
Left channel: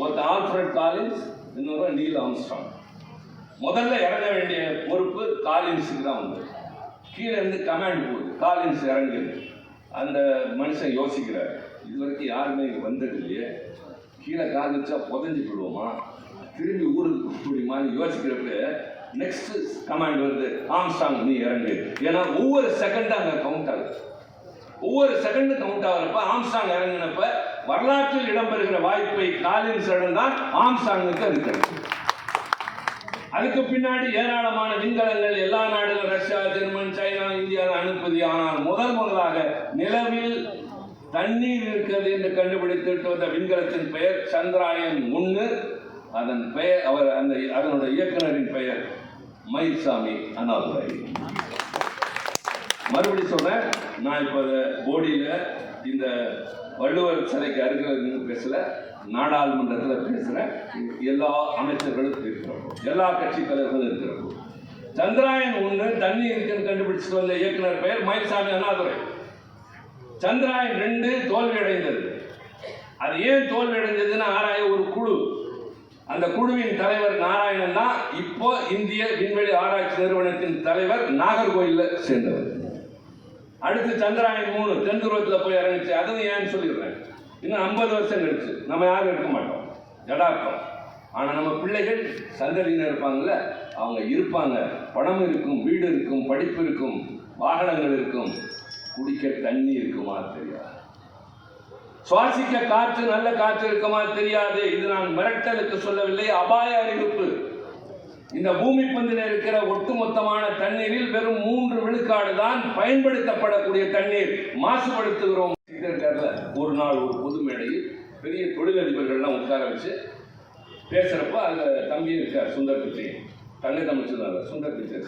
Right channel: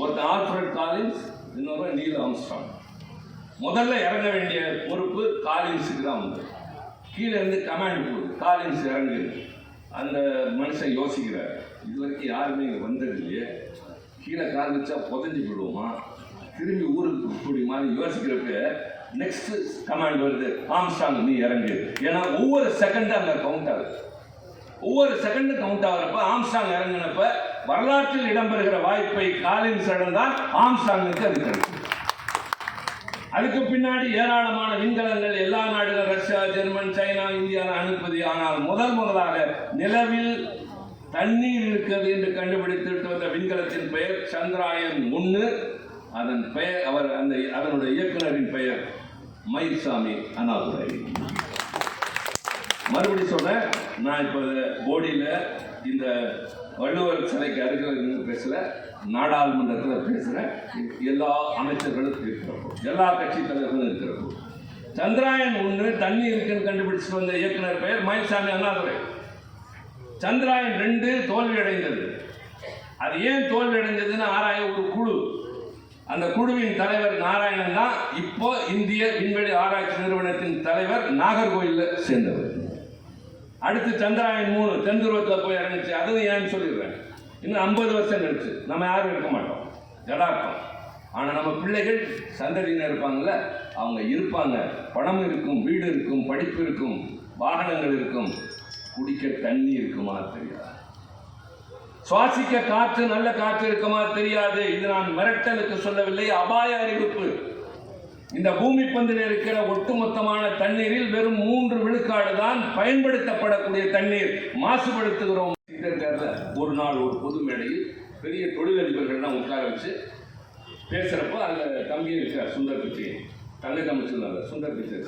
ஒருத்தர் ஆல்ஃபிரட் காலின்ஸ், இன்னொரு நீல் ஆம்ஸ்ட்ராங். முதல்ல இறங்க வேண்டிய பொறுப்பு காலின்ஸுக்கு தான் வந்து. கீழே இருந்து கமாண்ட் போகுது, காலின்ஸ் இறங்குது. அந்த மனுஷன் யோசிக்கிறார், இது வரைக்கும் யாருமே இங்கே வந்தது இல்லையே, கீழே கால் வச்சா புதஞ்சு போடுவோமா, திரும்பி ஊருக்கு கூடிய மாதிரி யோசிக்கிறப்ப நெக்ஸ்ட் கமாண்ட் வருது, ஆம்ஸ்ட்ராங் நீ இறங்கு. ஏன்னா ஒவ்வொரு செகண்டும் அங்கே கவுண்ட் ஆகுது. ஒவ்வொரு செகண்டும் கவுண்ட் ஆகிறப்ப ஆம்ஸ்ட்ராங் இறங்கினப்ப வரலாற்றில் இடம்பெறுகிற வாய்ப்பை காலின்ஸ் இழந்தான், ஆம்ஸ்ட்ராங்குக்கு அது கிடைக்கும். அதுக்கு பின்னாடி ஏராளமான விண்கலங்கள் எல்லா நாடுகள், ரஷ்யா, ஜெர்மன், சைனா, இந்தியா அனுப்பதி. ஆனால் முதலாக நிலவில் தண்ணீர் இருக்கிறது என்று கண்டுபிடித்து வந்த விண்கலத்தின் பெயர் சந்திராயன் 3. அதன் பெயர் அதனுடைய இயக்குனரின் பெயர் மயில்சாமி அண்ணாதுரை. மறுபடி சொல்றேன், நான் இப்போ போடியில் இந்த வள்ளுவர் சிலைக்கு அருகில் பேசல, நாடாளுமன்றத்தில் பேசுகிறேன். எல்லா அமைச்சர்களும் இருக்கிறப்போ, எல்லா கட்சி தலைவர்களும் இருக்கிறப்போ, சந்திராயன் 1 தண்ணி இருக்குன்னு கண்டுபிடிச்சிட்டு வந்த இயக்குனர் பெயர் மயில்சாமி அண்ணாதுரை. சந்திராயன் 2 தோல்வி அடைந்தது. அது ஏன் தோல்வி அடைந்ததுன்னு ஆராய ஒரு குழு, அந்த குழுவின் தலைவர் நாராயணன் தான் இப்போ இந்திய விண்வெளி ஆராய்ச்சி நிறுவனத்தின் தலைவர், நாகர்கோயிலில் சேர்ந்தவர். அடுத்து சந்திராயன் 3 தென் துருவத்தில் போய் இறங்கிச்சு. அதுவும் ஏன்னு சொல்லிடுறேன், இன்னும் 50 வருஷம் கழிச்சு நம்ம யாரும் இருக்க மாட்டோம், யதார்த்தம். ஆனால் நம்ம பிள்ளைகள் சந்ததியினர் இருப்பாங்கல்ல, அவங்க இருப்பாங்க. பணம் இருக்கும், வீடு இருக்கும், படிப்பு இருக்கும், வாகனங்கள் இருக்கும், குடிக்க தண்ணி இருக்குமா தெரியாது, சுவாசிக்க காற்று, நல்ல காற்று இருக்குமா தெரியாது. இது நான் மிரட்டலுக்கு சொல்லவில்லை, அபாய அறிவிப்பு. இந்த பூமி பந்தில் இருக்கிற ஒட்டுமொத்தமான தண்ணீரில் வெறும் 3 விழுக்காடு தான் பயன்படுத்தப்படக்கூடிய தண்ணீர். மாசுபடுத்துகிறோம். ஒரு நாள் ஒரு பொது மேடையில் பெரிய தொழிலதிபர்கள்லாம் உட்கார வச்சு பேசுறப்ப அந்த தம்பி இருக்கார், சுந்தர் பிச்சை, தங்கை தமிழ்ச்சார் சுந்தர் பிச்சை,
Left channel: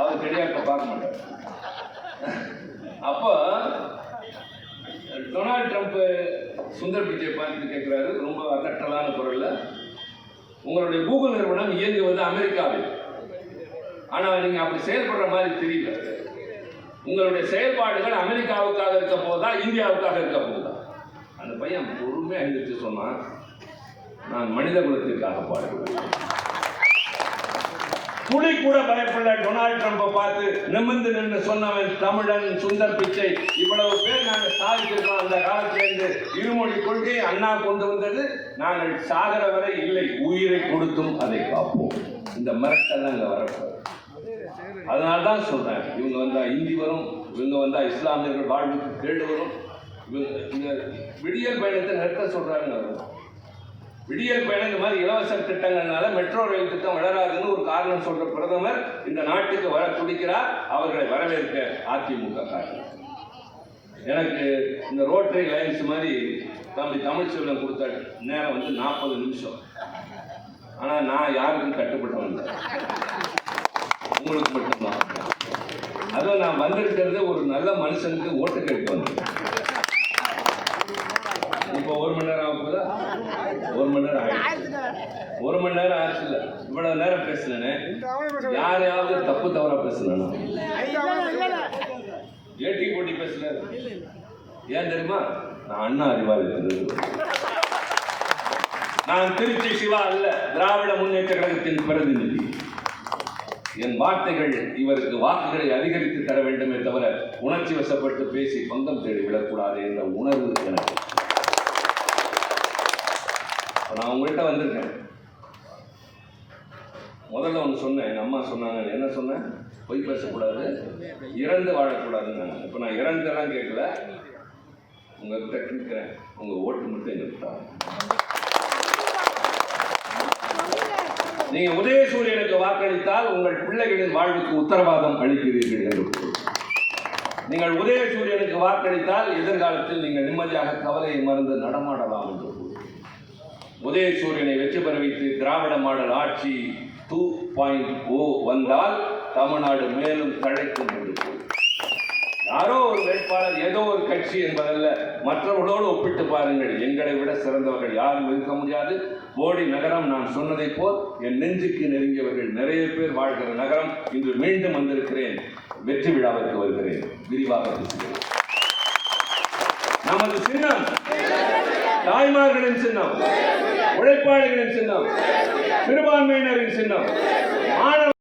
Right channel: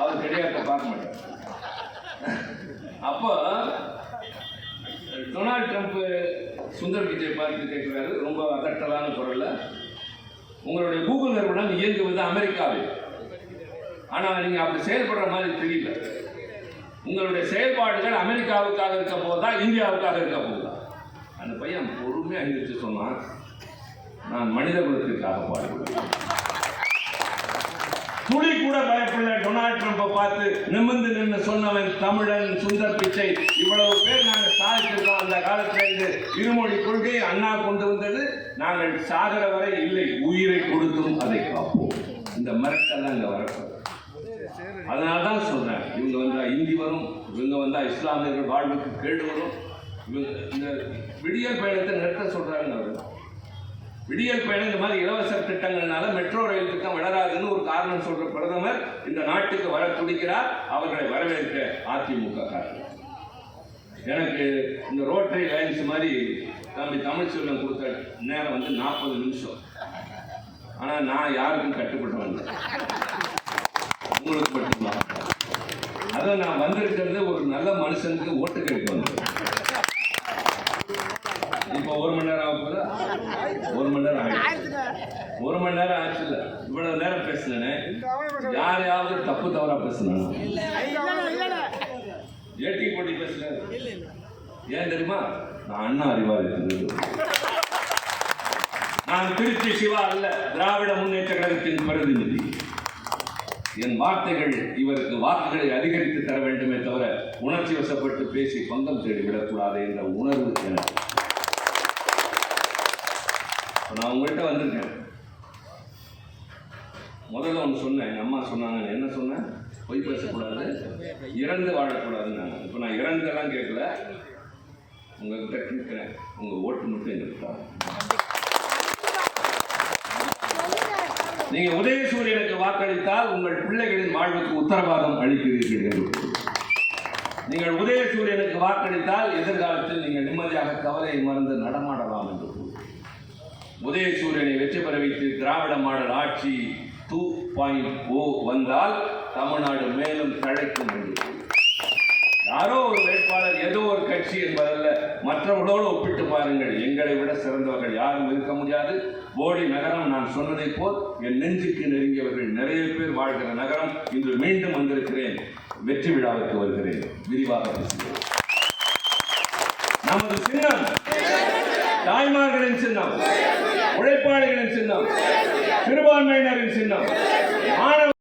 அவர் கிடையாது பார்க்க மாட்டார். அப்போ டொனால்ட் ட்ரம்ப் சுந்தர் பிச்சை பார்த்து கேட்கிறாரு ரொம்ப அதட்டலான குரல்ல, உங்களுடைய கூகுள் நிறுவனம் இயங்குவது அமெரிக்காவில், ஆனால் நீங்க அப்படி செயல்படுற மாதிரி தெரியல. உங்களுடைய செயல்பாடுகள் அமெரிக்காவுக்காக இருக்க போதா, இந்தியாவுக்காக இருக்க போதா? அந்த பையன் பொறுமையாக எழுந்திரிச்சு சொன்னான், நான் மனித குலத்திற்காக பாடுகிறேன். துளி கூட பயப்படல. டொனால்ட் ட்ரம்பை பார்த்து நிமிர்ந்து நின்று சொன்னவன் தமிழன் சுந்தர் பிச்சை. இவ்வளவு பேர் நாங்கள் சாதிச்சிருக்கோம். அந்த காலத்திலிருந்து இருமொழி கொள்கை அண்ணா கொண்டு வந்தது. நாங்கள் சாகர வரை இல்லை, உயிரை கொடுத்தும் அதை காப்போம். இந்த மிரட்டல் அங்கே வரப்போம். அதனால்தான் சொல்றேன், இவங்க வந்தா இந்தி வரும், இவங்க வந்தா இஸ்லாமியர்கள் வாழ்வுக்கு கேடு வரும். இவங்க இந்த விடியல் பயணத்தை நிறுத்த சொல்றாங்க. விடியல் பயணம் இந்த மாதிரி இலவச திட்டங்கள்னால மெட்ரோ ரயில் திட்டம் வளராதுன்னு ஒரு காரணம் சொல்ற பிரதமர் இந்த நாட்டுக்கு வர துடிக்கிறார். அவர்களை வரவேற்க அதிமுக காரணம். எனக்கு இந்த ரோட்டரி லைன்ஸ் மாதிரி தம்பி தமிழ்ச்செல்வன் கொடுத்த நேரம் 40 நிமிஷம். ஆனால் நான் யாருக்கும் கட்டுப்பட்டவன், உங்களுக்கு மட்டும்தான். அதை நான் வந்திருக்கிறது ஒரு நல்ல மனுஷனுக்கு ஓட்டு கேட்க வந்து. இப்போ 1 மணி நேரம் ஆகுதா? 1 மணி நேரம் ஆயிடுச்சு. 1 மணி நேரம் ஆயிடுச்சு. இல்லை, இவ்வளவு நேரம் பேசுனேன். யாரையாவது தப்பு தவறா பேசுனேன்? ஏட்டி போட்டி பேசுனேன். ஏன் தெரியுமா? நான் அண்ணா அறிவாளி. நான் திருச்சி சிவா அல்ல, திராவிட முன்னேற்ற கழகத்தின் பிரதிநிதி. என் வார்த்தைகள் இவருக்கு வாக்குகளை அதிகரித்து தர வேண்டுமே தவிர உணர்ச்சி வசப்பட்டு பேசி பங்கம் தேடிவிடக்கூடாது என்ற உணர்வு எனக்கு. நான் உங்கள்கிட்ட வந்திருக்கேன். முதல்ல ஒன்று சொன்னேன், எங்கள் அம்மா சொன்னாங்க. என்ன சொன்னேன்? பொய் பேசக்கூடாது, இறந்து வாழக்கூடாதுன்னு. இப்போ நான் இறந்தெல்லாம் கேட்கல, உங்கள்கிட்ட கேட்குறேன், உங்கள் ஓட்டு மட்டும் எங்களுக்கு தான். நீங்கள் உதயசூரியனுக்கு வாக்களித்தால் உங்கள் பிள்ளைகளின் வாழ்வுக்கு உத்தரவாதம் அளிக்கிறீர்கள் என்று. நீங்கள் உதயசூரியனுக்கு வாக்களித்தால் எதிர்காலத்தில் நீங்கள் நிம்மதியாக கவலையை மறந்து நடமாடலாம் என்று. உதயசூரியனை வெற்றி பெற வைத்து திராவிட மாடல் ஆட்சி 2.0 வந்தால் தமிழ்நாடு மேலும் தழைக்கும். யாரோ ஒரு வேட்பாளர், ஏதோ ஒரு கட்சி என்பதல்ல, மற்றவர்களோடு ஒப்பிட்டு பாருங்கள். எங்களை விட சிறந்தவர்கள் யாரும் இருக்க முடியாது. போடி நகரம் நான் சொன்னதை போல் என் நெஞ்சுக்கு நெருங்கியவர்கள் நிறைய பேர் வாழ்கிற நகரம். இன்று மீண்டும் வந்திருக்கிறேன், வெற்றி விழாவிற்கு வருகிறேன், விரிவாக பேசுகிறேன். நமது சின்னம் தாய்மார்களின் சின்னம், உழைப்பாளிகளின் சின்னம், சிறுபான்மையினரின் சின்னம், மாணவ